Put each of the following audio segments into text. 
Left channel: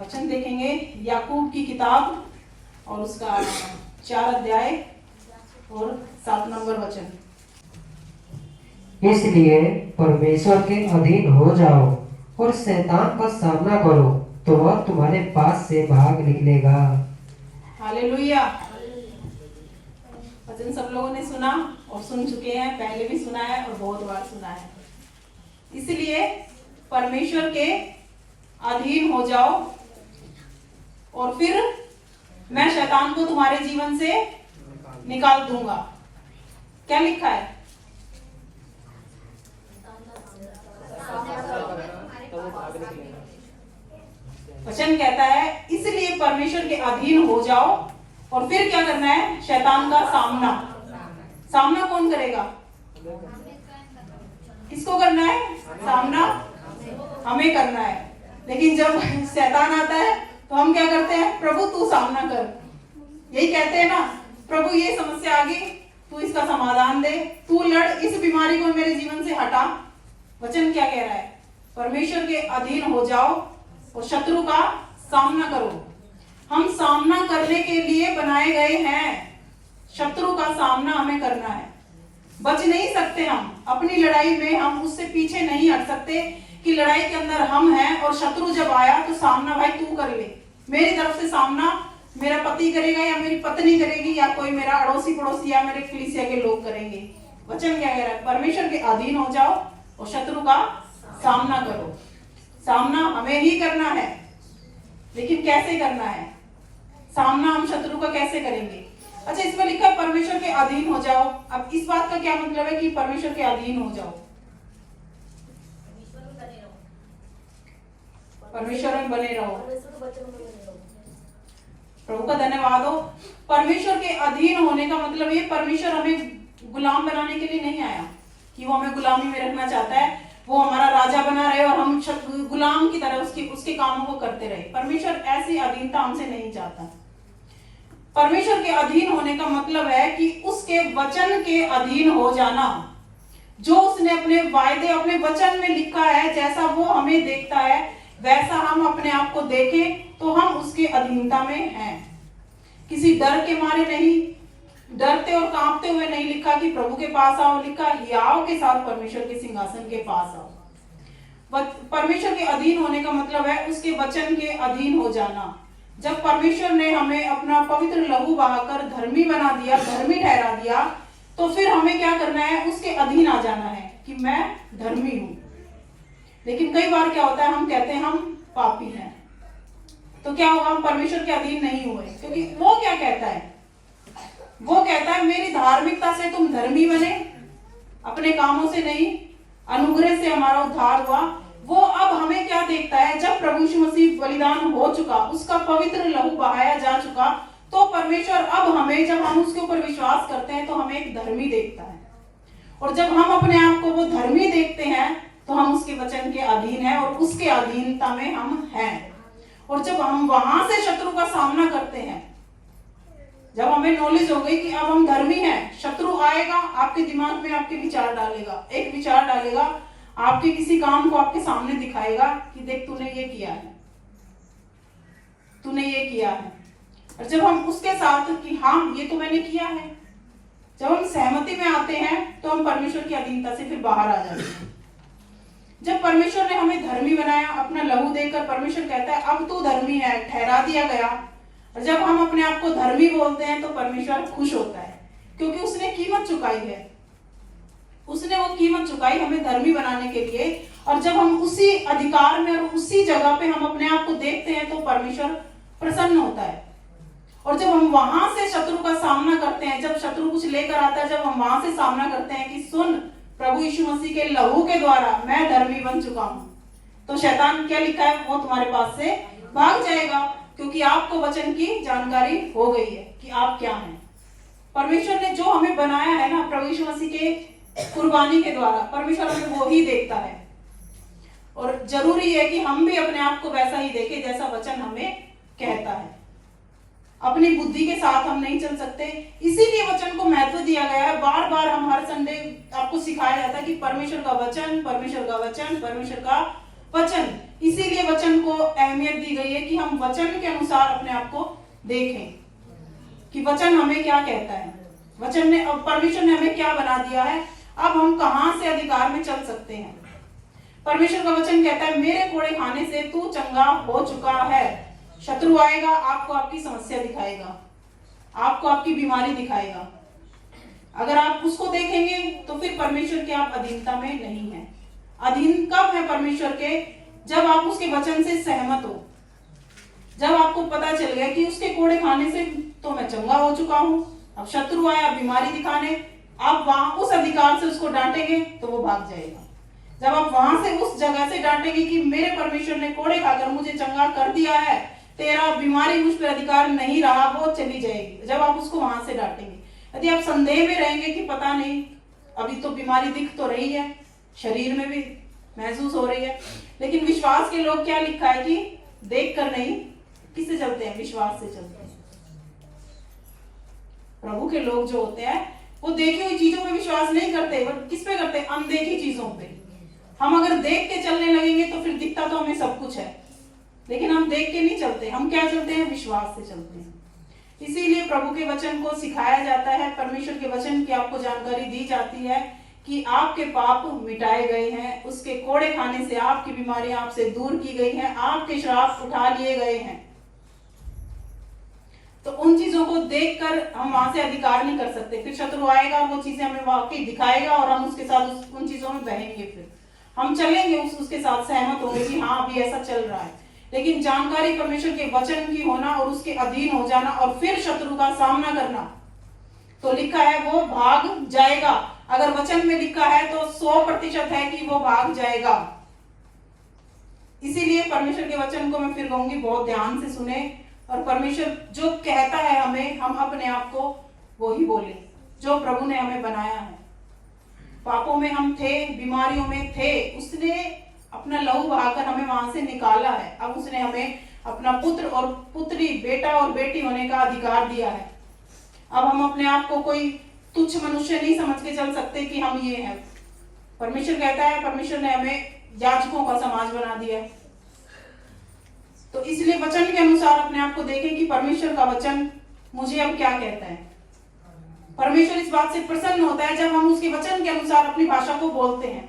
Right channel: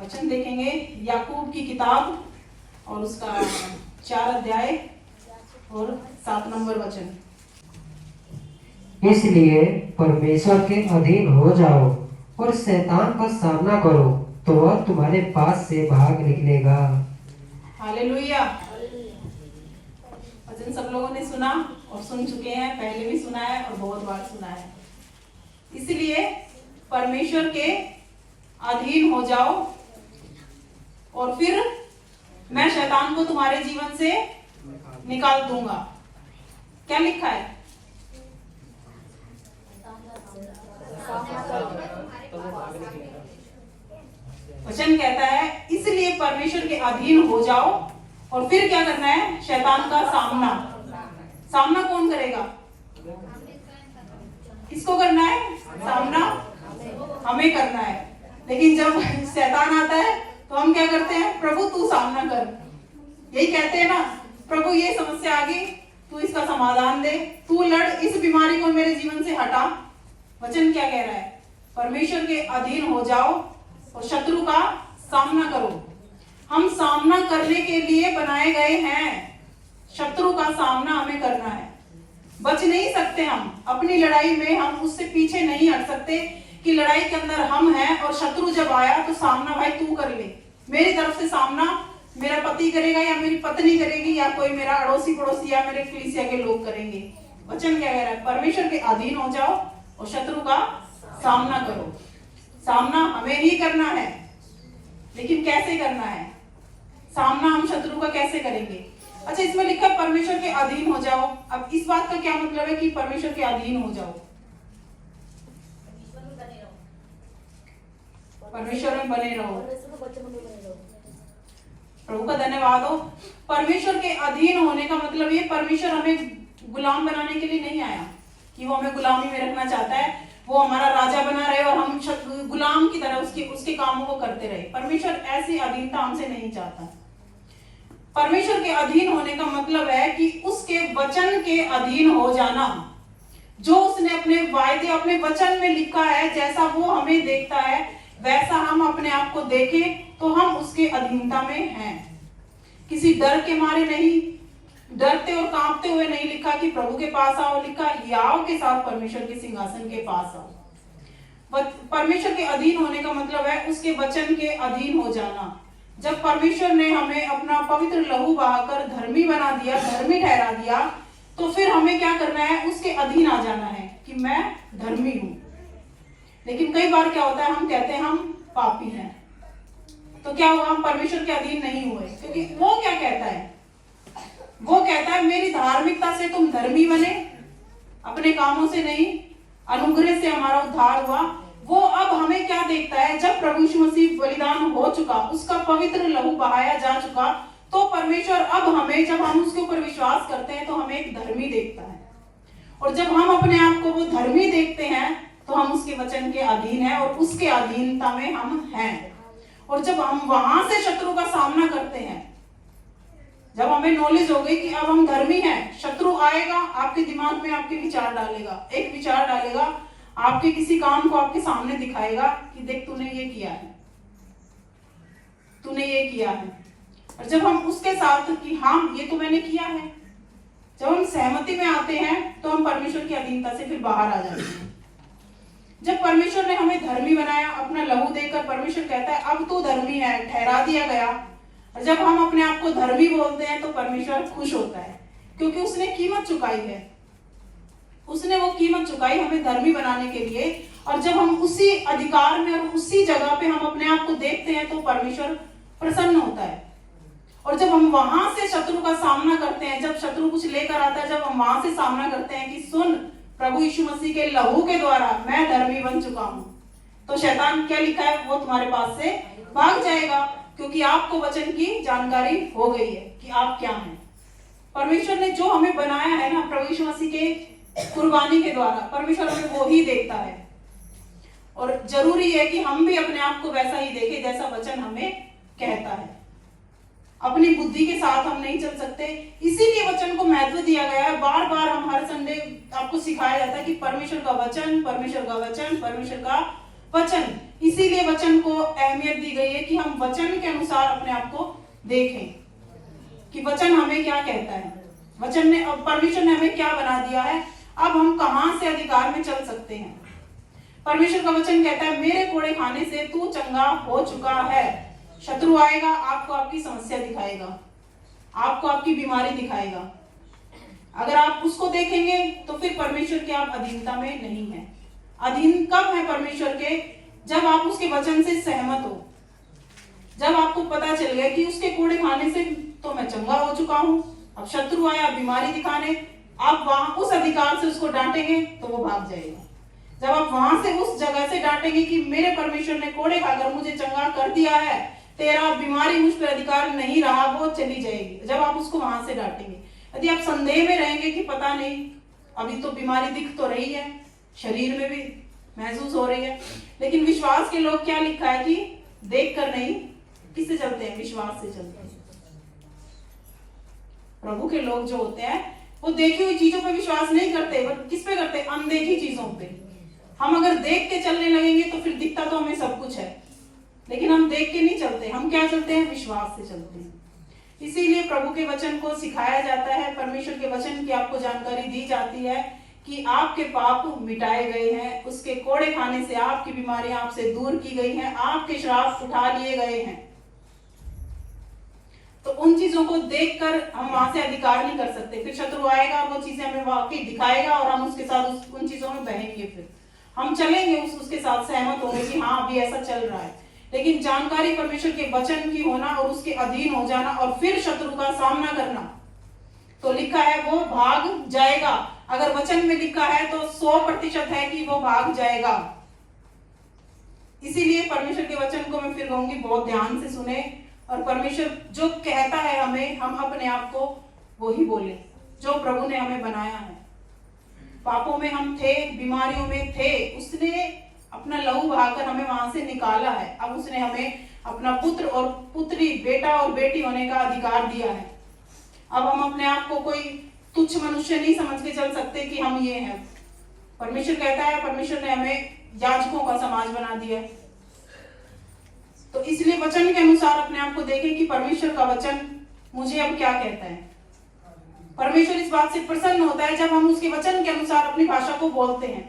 वचन देखेंगे याकूब की किताब और उसका 4 अध्याय और 7 नंबर वचन। इसलिए परमेश्वर के अधीन हो जाओ और शैतान का सामना करो, तो वह तुम्हारे पास से भाग निकलेगा। हालेलुया। वचन सब लोगों ने सुना और सुन चुके हैं, पहले भी सुना है और बहुत बार सुना है। इसलिए परमेश्वर के अधीन हो जाओ और फिर मैं शैतान को तुम्हारे जीवन से निकाल दूंगा। क्या लिखा है? वचन कहता है इसलिए परमेश्वर के अधीन हो जाओ और फिर क्या करना है? शैतान का सामना। सामना कौन करेगा? किसको करना है सामना? हमें करना है। लेकिन जब शैतान आता है तो हम क्या करते हैं? प्रभु तू सामना कर। यही कहते हैं ना, प्रभु ये समस्या आ गई, तू इसका समाधान दे, तू लड़, इस बीमारी को मेरे जीवन से हटा। वचन क्या कह रहा है? परमेश्वर के अधीन हो जाओ और शत्रु का सामना करो। हम सामना करने के लिए बनाए गए हैं। शत्रु का सामना हमें करना है। बच नहीं सकते हम अपनी लड़ाई में, हम उससे पीछे नहीं हट सकते कि लड़ाई के अंदर हम हैं और शत्रु जब आया तो सामना भाई तू कर ले। मेरी तरफ से सामना मेरा पति करेगा या मेरी पत्नी करेगी या कोई मेरा अड़ोसी पड़ोसी या मेरे कलीसिया के लोग करेंगे। वचन क्या कह रहा है? परमेश्वर के अधीन हो जाओ और शत्रु का सामना करो। सामना हमें ही करना है, लेकिन कैसे करना है सामना? हम शत्रु का कैसे करेंगे? अच्छा, इसमें लिखा है परमेश्वर के अधीन हो जाओ। अब इस बात का क्या मतलब है कि परमेश्वर के अधीन हो जाओ? परमेश्वर में बने रहो। प्रभु का धन्यवाद हो। परमेश्वर के अधीन होने का मतलब ये, परमेश्वर हमें गुलाम बनाने के लिए नहीं आया कि वो हमें गुलामी में रखना चाहता है, वो हमारा राजा बना रहे और हम गुलाम की तरह उसके कामों को करते रहे। परमेश्वर ऐसी अधीनता हमसे नहीं चाहता। परमेश्वर के अधीन होने का मतलब है कि उसके वचन के अधीन हो जाना। जो उसने अपने वायदे, अपने वचन में लिखा है, जैसा वो हमें देखता है वैसा हम अपने आप को देखें तो हम उसके अधीनता में हैं। किसी डर के मारे नहीं, डरते और कांपते हुए नहीं लिखा कि प्रभु के पास आओ, लिखा हियाव के साथ परमेश्वर के सिंहासन के पास आओ। परमेश्वर के अधीन होने का मतलब है उसके वचन के अधीन हो जाना। जब परमेश्वर ने हमें अपना पवित्र लहू बहाकर धर्मी बना दिया, धर्मी ठहरा दिया, तो फिर हमें क्या करना है? उसके अधीन आ जाना है कि मैं धर्मी हूं। लेकिन कई बार क्या होता है, हम कहते हैं हम पापी हैं, तो क्या हुआ? हम परमेश्वर के अधीन नहीं हुए। क्योंकि वो क्या कहता है? वो कहता है मेरी धार्मिकता से तुम धर्मी बने, अपने कामों से नहीं, अनुग्रह से हमारा उद्धार हुआ। वो अब हमें क्या देखता है? जब प्रभु यीशु मसीह बलिदान हो चुका, उसका पवित्र लहू बहाया जा चुका, तो परमेश्वर अब हमें, जब हम उसके ऊपर विश्वास करते हैं तो हमें एक धर्मी देखता है। और जब हम अपने आप को वो धर्मी देखते हैं तो हम उसके वचन के अधीन हैं और उसके अधीनता में हम हैं। और जब हम वहां से शत्रु का सामना करते हैं, जब हमें नॉलेज हो गई कि अब हम धर्मी हैं, शत्रु आएगा, आपके दिमाग में आपके विचार डालेगा, एक विचार डालेगा, आपके किसी काम को आपके सामने दिखाएगा कि देख तूने ये किया है, तूने ये किया है। और जब हम उसके साथ कि हाँ ये तो मैंने किया है, जब हम सहमति में आते हैं तो हम परमेश्वर की अधीनता से फिर बाहर आ जाते हैं। जब परमेश्वर ने हमें धर्मी बनाया, अपना लहू देकर परमेश्वर कहता है अब तू धर्मी है, ठहरा दिया गया। और जब हम अपने आप को धर्मी बोलते हैं तो परमेश्वर खुश होता है, क्योंकि उसने कीमत चुकाई है। उसने वो कीमत चुकाई हमें धर्मी बनाने के लिए। और जब हम उसी अधिकार में और उसी जगह पे हम अपने आप को देखते हैं तो परमेश्वर प्रसन्न होता है। और जब हम वहां से शत्रु का सामना करते हैं, जब शत्रु कुछ लेकर आता है, जब हम वहां से सामना करते हैं कि सुन, प्रभु यीशु मसीह के लहू के द्वारा मैं धर्मी बन चुका हूं, तो शैतान क्या लिखा है? वो तुम्हारे पास से भाग जाएगा, क्योंकि आपको वचन की जानकारी हो गई है कि आप क्या हैं। परमेश्वर ने जो हमें बनाया है ना, प्रभु यीशु मसीह के कुर्बानी के द्वारा, परमेश्वर हमें वो ही देखता है। और जरूरी है कि हम भी अपने आप को वैसा ही देखें जैसा वचन हमें कहता है। अपनी बुद्धि के साथ हम नहीं चल सकते, इसीलिए वचन को महत्व दिया गया है। बार बार हम हर संडे आपको सिखाया जाता है कि परमेश्वर का वचन, परमेश्वर का वचन, परमेश्वर का वचन। इसीलिए वचन को अहमियत दी गई है कि हम वचन के अनुसार अपने आप को देखें कि वचन हमें क्या कहता है, वचन ने परमेश्वर ने हमें क्या बना दिया है, अब हम कहां से अधिकार में चल सकते हैं। परमेश्वर का वचन कहता है मेरे कोड़े खाने से तू चंगा हो चुका है। शत्रु आएगा, आपको आपकी समस्या दिखाएगा, आपको आपकी बीमारी दिखाएगा। अगर आप उसको देखेंगे तो फिर परमेश्वर के आप अधीनता में नहीं है। अधीन कब है परमेश्वर के? जब आप उसके वचन से सहमत हो, जब आपको पता चल गया कि उसके कोड़े खाने से तो मैं चंगा हो चुका हूं, अब शत्रु आया बीमारी दिखाने, आप वहां उस अधिकार से उसको डांटेंगे तो वो भाग जाएगा। जब आप वहां से उस जगह से डांटेंगे कि मेरे परमेश्वर ने कोड़े खाकर मुझे चंगा कर दिया है, तेरा बीमारी मुझ पर अधिकार नहीं रहा, वो चली जाएगी। जब आप उसको वहां से डांटेंगे। यदि आप संदेह में रहेंगे कि पता नहीं, अभी तो बीमारी दिख तो रही है, शरीर में भी महसूस हो रही है, लेकिन विश्वास के लोग क्या लिखा है कि देख कर नहीं, किससे चलते हैं? विश्वास से चलते हैं। प्रभु के लोग जो होते हैं वो देखी हुई चीजों पे विश्वास नहीं करते, वो किस पे करते हैं? अनदेखी चीजों पे। हम अगर देख के चलने लगेंगे तो फिर दिखता तो हमें सब कुछ है, लेकिन हम देख के नहीं चलते, हम क्या चलते हैं? विश्वास से चलते हैं। इसीलिए प्रभु के वचन को सिखाया जाता है, परमेश्वर के वचन की आपको जानकारी दी जाती है कि आपके पाप मिटाए गए हैं, उसके कोड़े खाने से आपकी बीमारी आपसे दूर की गई है, आपके श्राप उठा लिए गए हैं। तो उन चीजों को देखकर हम वहां से अधिकार नहीं कर सकते। फिर शत्रु आएगा और वो चीजें हमें वाकई दिखाएगा और हम उसके साथ उन चीजों में बहेंगे, फिर हम चलेंगे, उसके साथ सहमत होंगे कि हाँ अभी ऐसा चल रहा है। लेकिन जानकारी परमेश्वर के वचन की होना और उसके अधीन हो जाना और फिर शत्रु का सामना करना, तो लिखा है वो भाग जाएगा। अगर वचन में लिखा है तो 100% है कि वो भाग जाएगा। इसीलिए परमेश्वर के वचन को मैं फिर कहूंगी बहुत ध्यान से सुने, और परमेश्वर जो कहता है हमें, हम अपने आप को वो ही बोले जो प्रभु ने हमें बनाया है। पापों में हम थे, बीमारियों में थे, उसने अपना लहू बहाकर हमें वहां से निकाला है। अब उसने हमें अपना पुत्र और पुत्री, बेटा और बेटी होने का अधिकार दिया है। अब हम अपने आप को कोई तुच्छ मनुष्य नहीं समझ के चल सकते कि हम ये हैं। परमेश्वर कहता है, परमेश्वर ने हमें याजकों का समाज बना दिया है। तो इसलिए वचन के अनुसार अपने आप को देखें कि परमेश्वर का वचन मुझे अब क्या कहता है। परमेश्वर इस बात से प्रसन्न होता है जब हम उसके वचन के अनुसार अपनी भाषा को बोलते हैं।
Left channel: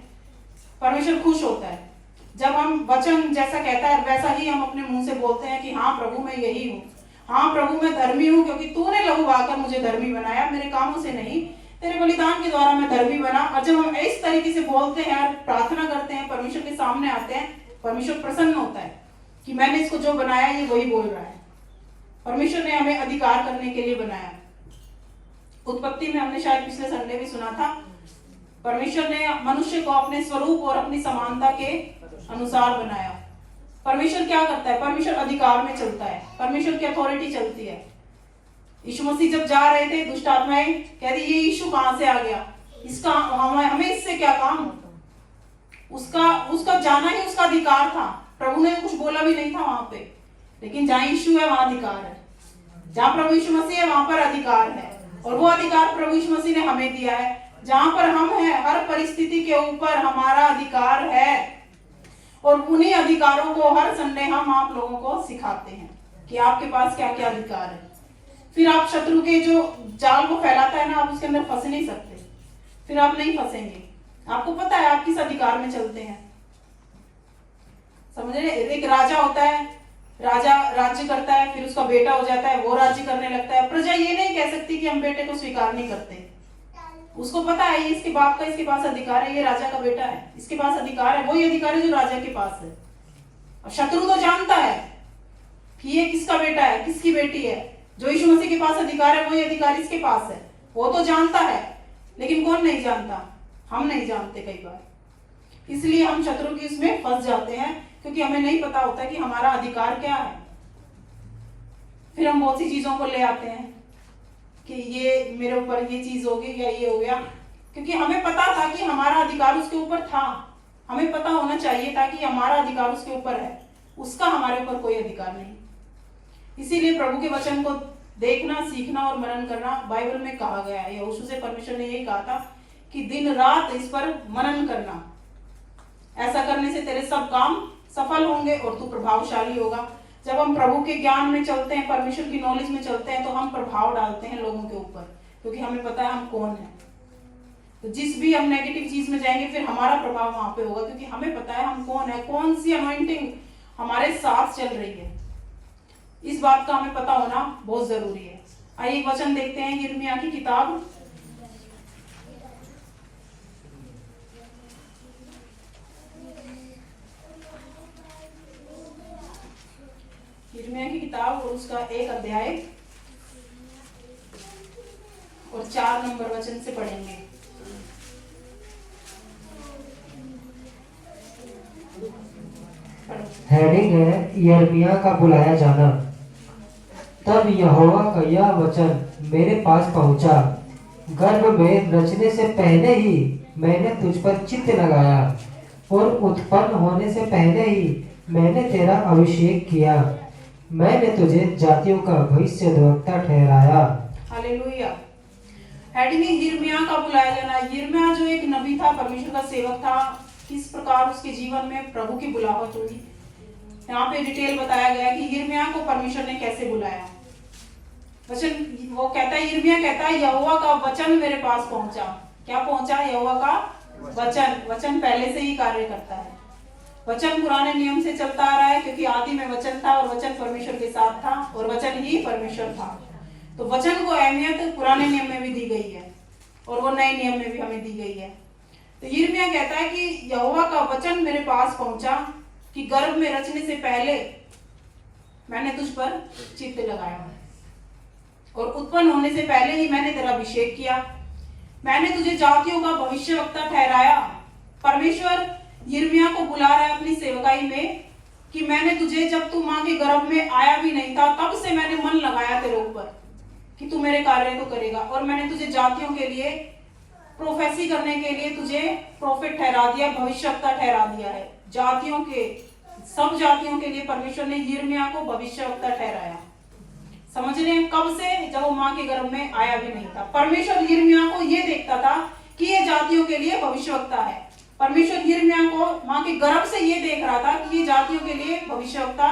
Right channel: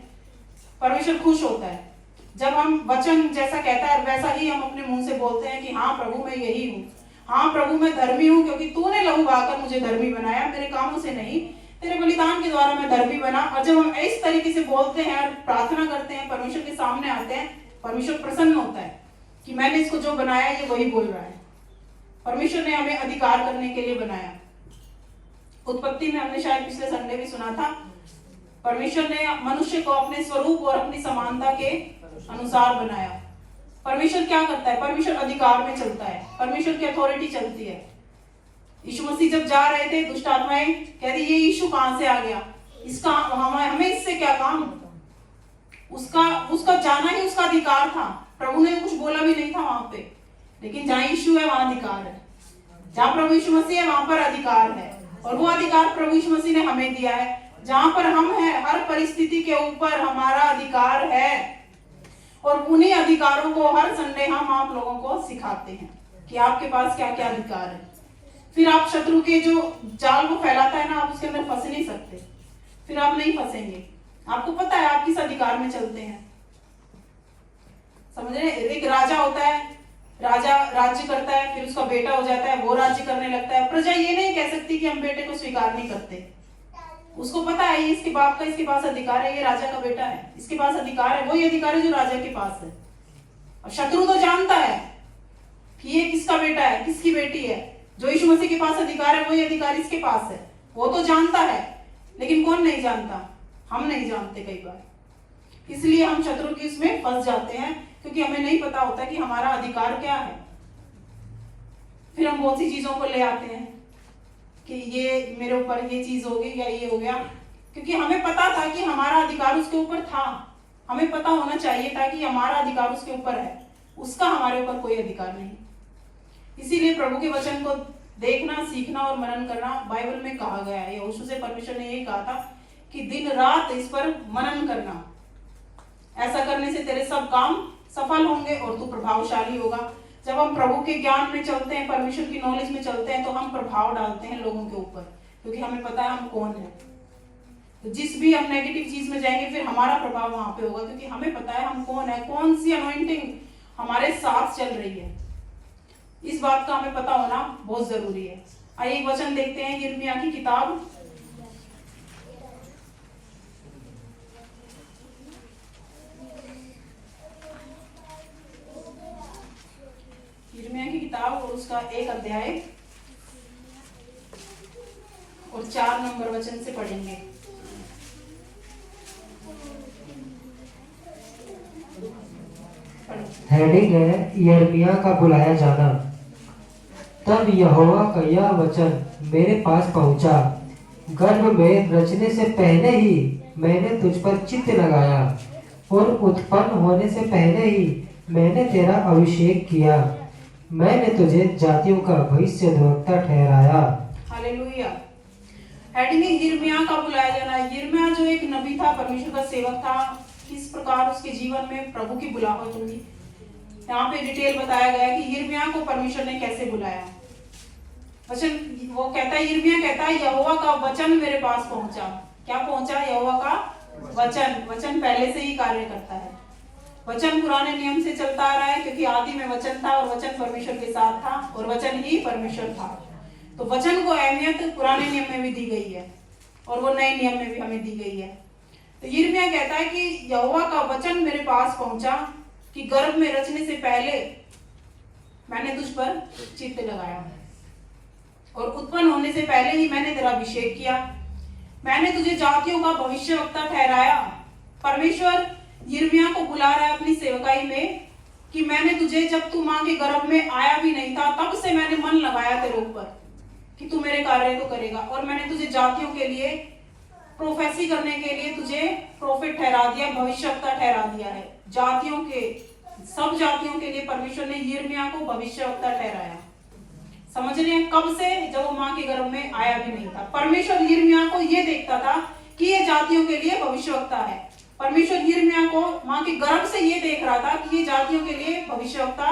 परमेश्वर खुश होता है जब हम वचन जैसा कहता है वैसा ही हम अपने मुंह से बोलते हैं कि हाँ प्रभु मैं यही हूँ, हाँ प्रभु मैं धर्मी हूँ, क्योंकि तूने लहू बहाकर मुझे धर्मी बनाया, मेरे कामों से नहीं, तेरे बलिदान के द्वारा मैं धर्मी बना। और जब हम इस तरीके से बोलते हैं और प्रार्थना करते हैं, परमेश्वर के सामने आते हैं, परमेश्वर प्रसन्न होता है कि मैंने इसको जो बनाया ये वही बोल रहा है। परमेश्वर ने हमें अधिकार करने के लिए बनाया। उत्पत्ति में हमने शायद पिछले संडे भी सुना था, परमेश्वर ने मनुष्य को अपने स्वरूप और अपनी समानता के अनुसार बनाया। परमेश्वर क्या करता है? परमेश्वर अधिकार में चलता है, परमेश्वर की अथॉरिटी चलती है। यीशु मसीह जब जा रहे थे, दुष्ट आत्माएं कह रही ये यीशु कहां से आ गया, इसका हमें इससे क्या काम? उसका जाना ही उसका अधिकार था। प्रभु ने कुछ बोला भी नहीं था वहां पे, लेकिन जहां यीशु है वहां अधिकार है, जहां प्रभु यीशु मसीह है वहां पर अधिकार है। और वो अधिकार प्रभु यीशु मसीह ने हमें दिया है। जहां पर हम हैं, हर परिस्थिति के ऊपर हमारा अधिकार है। और उन्हीं अधिकारों को हर संडे हम आप लोगों को सिखाते हैं कि आपके पास क्या क्या अधिकार है। फिर आप शत्रु के जो जाल को फैलाता है ना, आप उसके अंदर फंस नहीं सकते, फिर आप नहीं फंसेंगे। आपको पता है आप किस अधिकार में चलते हैं। समझ रहे? एक राजा होता है, राजा राज्य करता है, फिर उसका बेटा हो जाता है, वो राज्य करने लगता है। प्रजा ये नहीं कह सकती कि हम बेटे को स्वीकार नहीं करते। उसको पता है ये इसके बाप का, इसके पास अधिकार है, ये राजा का बेटा है, इसके पास अधिकार है, वही अधिकार है जो राजा के पास है। और शत्रु तो जानता है कि ये किसका बेटा है, किसकी बेटी है। जो यीशु मसीह के पास अधिकार है वही अधिकार इसके पास है, वो तो जानता है। लेकिन कौन नहीं जानता? हम नहीं जानते कई बार। इसलिए हम शत्रु की उसमें फंस जाते हैं, क्योंकि हमें नहीं पता होता कि हमारा अधिकार क्या है। फिर हम बहुत सी चीजों को ले आते हैं कि ये मेरे ऊपर ये चीज हो गई या ये हो गया, क्योंकि हमें पता था कि हमारा अधिकार उसके ऊपर था। हमें पता होना चाहिए था कि हमारा अधिकार उसके ऊपर है, उसका हमारे ऊपर कोई अधिकार नहीं। इसीलिए प्रभु के वचन को देखना, सीखना और मनन करना बाइबल में कहा गया है। यहोशू से परमेश्वर ने यही कहा था कि दिन रात इस पर मनन करना, ऐसा करने से तेरे सब काम सफल होंगे और तू प्रभावशाली होगा। जब हम प्रभु के ज्ञान में चलते हैं, परमेश्वर की नॉलेज में चलते हैं, तो हम प्रभाव डालते हैं लोगों के ऊपर, क्योंकि हमें पता है हम कौन है। तो जिस भी हम नेगेटिव चीज में जाएंगे फिर हमारा प्रभाव वहां पे होगा, क्योंकि हमें पता है हम कौन है, कौन सी अनॉइंटिंग हमारे साथ चल रही है। इस बात का हमें पता होना बहुत जरूरी है। आइए एक वचन देखते हैं, यिर्मयाह की किताब यिर्मयाह की किताब और उसका 1 अध्याय और 4 नंबर वचन से पढ़ेंगे। हेडिंग है यिर्मयाह का बुलाया जाना। तब यहोवा का यह वचन मेरे पास पहुंचा, गर्भ में रचने से पहले ही मैंने तुझ पर चित्त लगाया और उत्पन्न होने से पहले ही मैंने तेरा अभिषेक किया। मैंने तुझे जातियों का भविष्यद्वक्ता ठहराया। हालेलुया। हेडिंग है यिर्मयाह का बुलाया जाना। यिर्मयाह जो एक नबी था, परमेश्वर का सेवक था, किस प्रकार उसके जीवन में प्रभु की बुलाहट हुई, यहाँ पे डिटेल बताया गया कि यिर्मयाह को परमेश्वर ने कैसे बुलाया। वचन वो कहता है, यिर्मयाह कहता है यहोवा का वचन मेरे पास पहुंचा। क्या पहुंचा? यहोवा का वचन। वचन पहले से ही कार्य करता है। वचन पुराने नियम से चलता आ रहा है, क्योंकि आदि में वचन था और वचन परमेश्वर के साथ था और वचन ही परमेश्वर था। तो वचन को अहमियत पुराने नियम में भी दी गई है और वो नए नियम में भी हमें दी गई है। तो यिर्मयाह कहता है कि यहोवा का वचन मेरे पास पहुंचा कि गर्भ में रचने से पहले मैंने तुझ पर चित्त लगाया और उत्पन्न होने से पहले ही मैंने तेरा अभिषेक किया। मैंने तुझे जातियों का भविष्यवक्ता ठहराया। परमेश्वर यिर्मयाह को बुला रहा है अपनी सेवकाई में कि मैंने तुझे, जब तू मां के गर्भ में आया भी नहीं था, तब से मैंने मन लगाया तेरे ऊपर कि तू मेरे कार्य को करेगा। और मैंने तुझे जातियों के लिए प्रोफेसी करने के लिए तुझे प्रोफेट ठहरा दिया, भविष्यवक्ता ठहरा दिया है। जातियों के, सब जातियों के लिए परमेश्वर ने यिर्मयाह को भविष्यवक्ता ठहराया। समझ रहे हैं? कब से? जब वो मां के गर्भ में आया भी नहीं था। परमेश्वर यिर्मयाह को ये देखता था कि ये जातियों के लिए भविष्यवक्ता है। परमेश्वर यिर्मयाह को मां के गर्भ से ये देख रहा था कि ये जातियों के लिए भविष्यवक्ता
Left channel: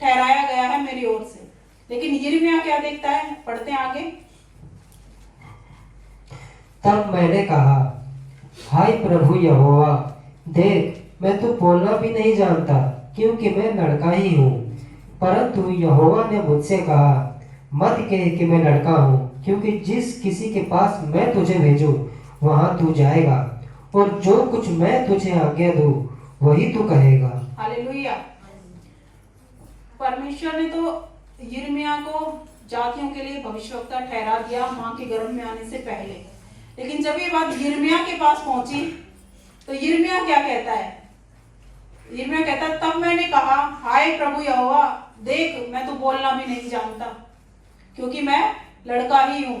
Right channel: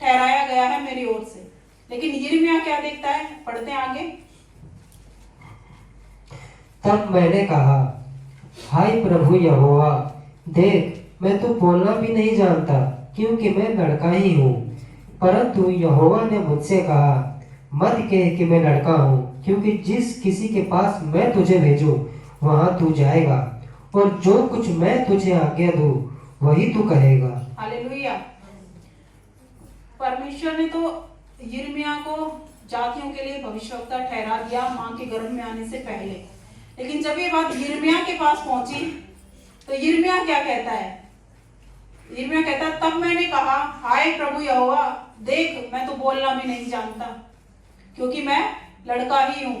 ठहराया गया है मेरी ओर से। लेकिन यिर्मयाह क्या देखता है? पढ़ते हैं आगे। तब मैंने कहा, हाय प्रभु यहोवा, देख मैं तो बोलना भी नहीं जानता, क्योंकि मैं लड़का ही हूँ। परंतु यहोवा ने मुझसे कहा, मत कह कि मैं लड़का हूँ, क्योंकि जिस किसी के पास मैं तुझे भेजूं वहां तू जाएगा और जो कुछ मैं तुझे आज्ञा दूं वही तू कहेगा। हालेलुया। परमेश्वर ने तो यिर्मयाह को जातियों के लिए भविष्यवक्ता ठहरा दिया मां के गर्भ में आने से पहले। लेकिन जब ये बात यिर्मयाह के पास पहुंची तो यिर्मयाह क्या कहता है? यिर्मयाह कहता है, तब मैंने कहा, हाय प्रभु यहोवा, देख मैं तो बोलना भी नहीं जानता, क्योंकि मैं लड़का ही हूं।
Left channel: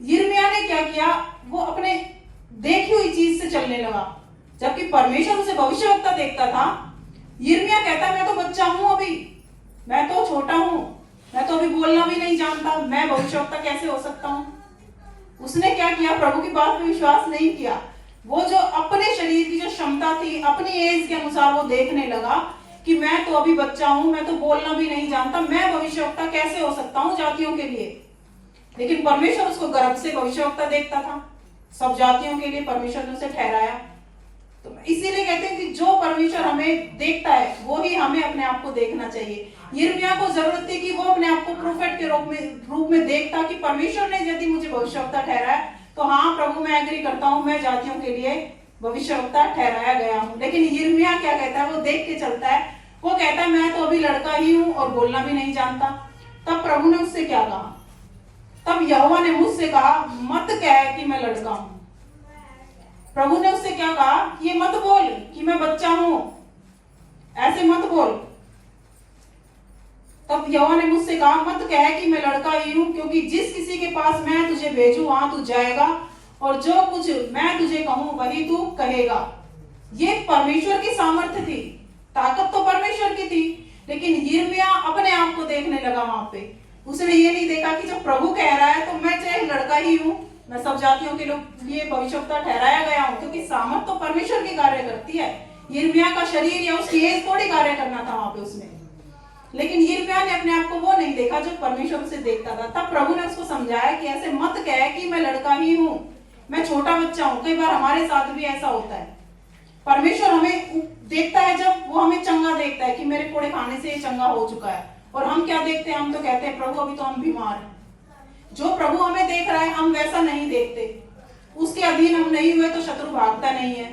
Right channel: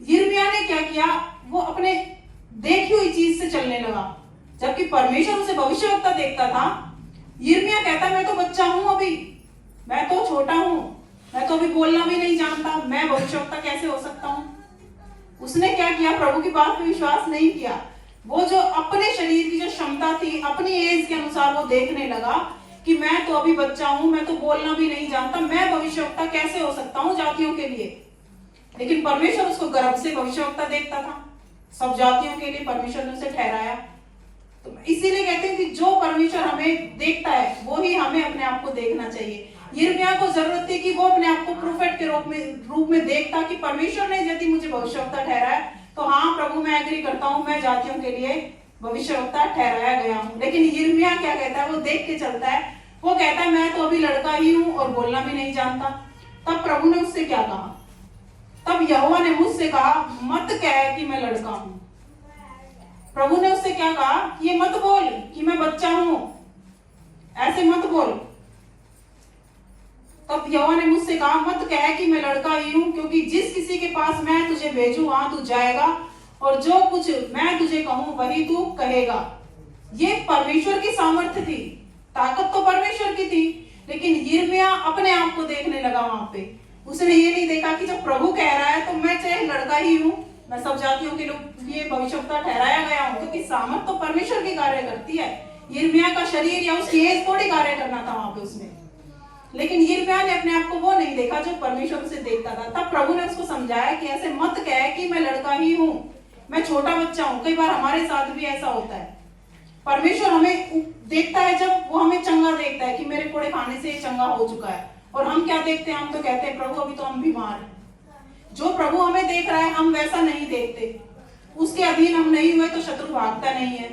यिर्मयाह ने क्या किया? वो अपने देखी हुई चीज से चलने लगा, जबकि परमेश्वर उसे भविष्यवक्ता देखता था। यिर्मयाह कहता है, मैं तो बच्चा हूं, अभी मैं तो छोटा हूं, मैं तो अभी बोलना भी नहीं जानता, मैं भविष्यवक्ता कैसे हो सकता हूं? उसने क्या किया? प्रभु की बात पे विश्वास नहीं किया। वो जो अपने शरीर की जो क्षमता थी, अपनी एज के अनुसार वो देखने लगा कि मैं तो अभी बच्चा हूं, मैं तो बोलना भी नहीं जानता, मैं भविष्यवक्ता कैसे हो सकता हूं जातियों के लिए। लेकिन परमेश्वर उसको गर्भ से भविष्यवक्ता देखता था, सब जातियों के लिए परमेश्वर ने उसे ठहराया। तो इसीलिए कहते हैं कि जो परमेश्वर हमें देखता है वो ही हमें अपने आप को देखना चाहिए। यिर्मयाह को जरूरत थी कि वो अपने आप को प्रोफेट के रूप में देखता कि परमेश्वर ने यदि मुझे भविष्यवक्ता ठहराया तो हाँ प्रभु, मैं एग्री करता हूँ, मैं जातियों के लिए भविष्यवक्ता ठहराया गया हूँ। लेकिन यिर्मयाह क्या कहता है? वो देख के चलता है। वो कहता है, मैं तो अभी लड़का ही हूँ और बोलना भी नहीं जानता। तब प्रभु ने उससे क्या कहा? तब यहोवा ने मुझसे कहा, मत कह कि मैं लड़का हूं। प्रभु ने उससे क्या कहा? ये मत बोल कि मैं बच्चा हूं, ऐसे मत बोल। तब यहोवा ने मुझसे कहा, मत कह कि मैं लड़का ही हूं, क्योंकि जिस किसी के पास मैं तुझे भेजूं वहां तू जाएगा और जो कुछ मैं तुझे कहूं वही तू कहेगा। ये परमेश्वर की सामर्थ्य थी, ताकत तो परमेश्वर की थी, लेकिन यिर्मयाह अपने आप को देखने लगा वहां पे। उसने ये नहीं देखा कि जब प्रभु कह रहा है तो मैं चाहे लड़का ही हूँ, मैं सब जातियों के लिए भविष्यवक्ता ठहराया गया हूँ, क्योंकि सामर्थ तो परमेश्वर की कार्य करती है। यिर्मयाह का शरीर या उसकी एज थोड़ी कार्य करना था वहां पे उसने, लेकिन यिर्मयाह ने अपने आप को वो नहीं देखा जो परमेश्वर उसे देखता था। तब प्रभु ने उसको समझाया कि ऐसे मत कह कि मैं लड़का ही हूँ, मैं छोटा बच्चा हूँ। कई बार हमारे साथ भी ऐसा होता है, परमेश्वर हमें देखता है जब वो हमें चंगा देखता है कि मेरे कोड़े खाने से चंगा हो चुका है, और हम क्या देखते हैं, हम तो कहते हैं प्रभु अभी तो हम बीमार हैं। जो प्रभु हमें देख रहा है हम वैसा नहीं देखते, उसके अधीन हम नहीं हुए तो शत्रु भागता नहीं है।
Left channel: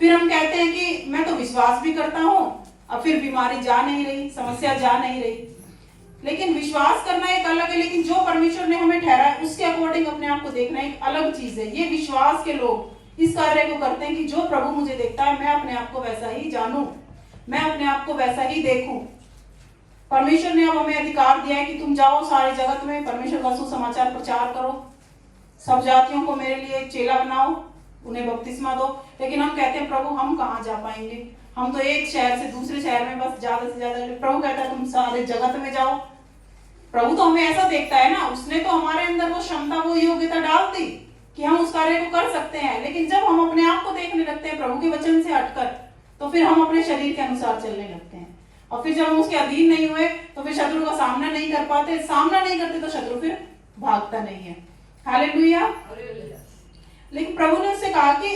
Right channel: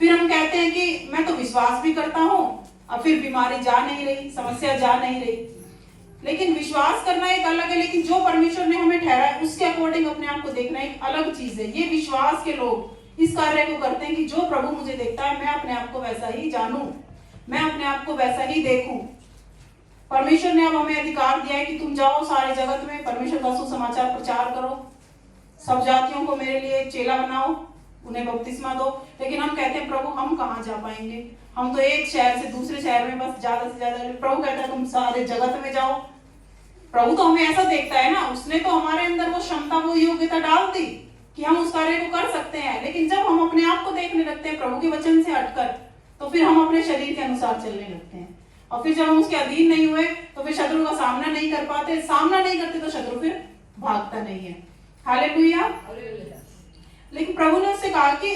फिर हम कहते हैं कि मैं तो विश्वास भी करता हूँ, अब फिर बीमारी जा नहीं रही, समस्या जा नहीं रही। लेकिन विश्वास करना एक अलग है, लेकिन जो परमेश्वर ने हमें ठहरा है उसके अकॉर्डिंग अपने आप को देखना एक अलग चीज है। ये विश्वास के लोग इस कार्य को करते हैं कि जो प्रभु मुझे देखता है मैं अपने आप को वैसा ही जानूं, मैं अपने आप को वैसा ही देखूं। परमेश्वर ने अब हमें अधिकार दिया है कि तुम जाओ सारे जगत में परमेश्वर का सुसमाचार प्रचार करो, सब जातियों को मेरे लिए चेला बनाओ, उन्हें बपतिस्मा दो। लेकिन हम कहते हैं प्रभु हम कहाँ जा पाएंगे, हम तो एक शहर से दूसरे शहर में बस ज्यादा से ज्यादा। प्रभु कहता है तुम सारे जगत में जाओ। प्रभु तो हमें ऐसा देखता है ना, उसने तो हमारे अंदर वो क्षमता वो योग्यता डाल दी कि हम उस कार्य को कर सकते हैं। लेकिन जब हम अपने आप को देखने लगते हैं प्रभु के वचन से हटकर, तो फिर हम अपने शरीर के अनुसार चलने लगते हैं, और फिर जब हम उसके अधीन नहीं हुए तो फिर शत्रु का सामना नहीं कर पाते। सामना नहीं करते तो शत्रु फिर भागता नहीं है। हालेलुया। लेकिन प्रभु ने उससे कहा कि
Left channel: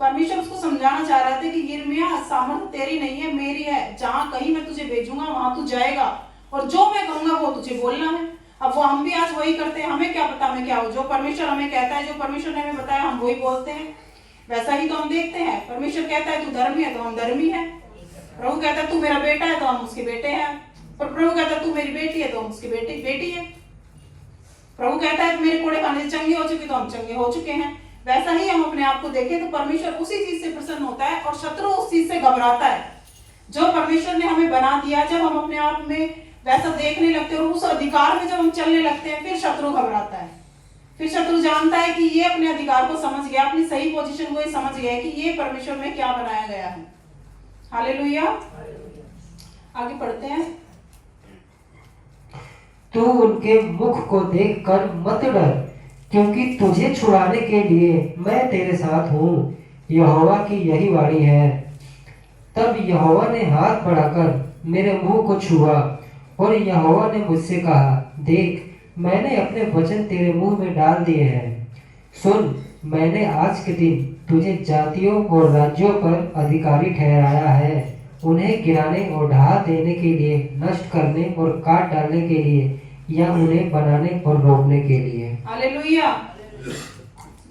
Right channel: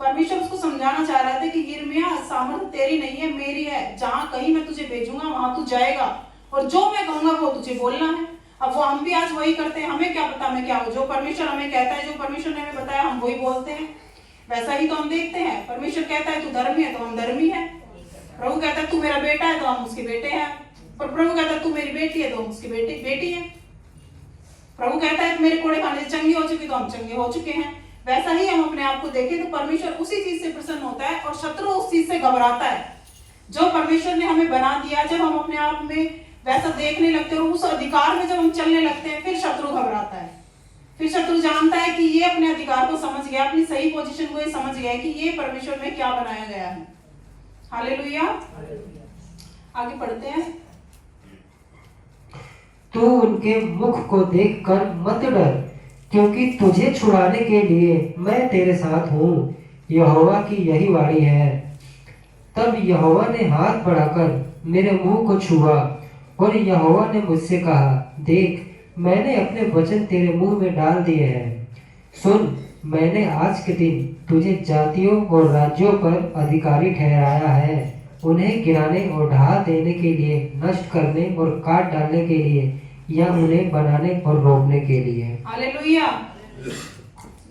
परमेश्वर उसको समझाना चाह रहा था कि यिर्मयाह सामर्थ तेरी नहीं है मेरी है, जहां कहीं मैं तुझे भेजूंगा वहां तू जाएगा, और जो मैं कहूंगा वो तुझे बोलना है। अब वो हम भी आज वही करते हैं, हमें क्या पता मैं क्या हूँ, जो परमेश्वर हमें कहता है, जो परमेश्वर ने हमें बताया हम वही बोलते हैं, वैसा ही तो हम देखते हैं। परमेश्वर कहता है तू धर्मी है तो हम धर्मी है, प्रभु कहता है तू मेरा बेटा है तो हम उसके बेटे हैं, पर प्रभु कहता है तू मेरी बेटी है तो हम उसकी बेटी है। प्रभु कहता है मेरे कोड़े खाने से चंगे हो चुके तो हम चंगे हो चुके हैं। वैसा ही हम अपने आप को देखें तो परमेश्वर उसी चीज से प्रसन्न होता है और शत्रु उस चीज से घबराता है जो परमेश्वर ने हमें बना दिया। जब हम अपने आप में वैसा देखने लगते हैं और उस अधिकार में जब हम चलने लगते हैं, फिर शत्रु घबराता है। फिर शत्रु जानता है कि ये अपने अधिकार को समझ गया, अपनी सही पोजीशन को ये समझ गया कि ये परमेश्वर में क्या बनाया गया है। हालेलुया। आगे पढ़ते हैं। तू उनके मुख को देखकर मत डर, क्योंकि तुझे छुड़ाने के लिए मैं तेरे साथ हूँ, यहोवा की यही वाणी है। तब यहोवा ने हाथ बढ़ाकर मेरे मुंह को छुआ, और यहोवा ने मुझसे कहा, देख मैंने अपने वचन तेरे मुंह में डाल दिए हैं। सुन, मैंने आज के दिन तुझे जातियों और राज्यों पर अधिकारी ठहराया है, उन्हें गिराने और ढहा देने के लिए, नष्ट करने और काट डालने के लिए, या उन्हें बनाने और रोकने के लिए। हालेलुया।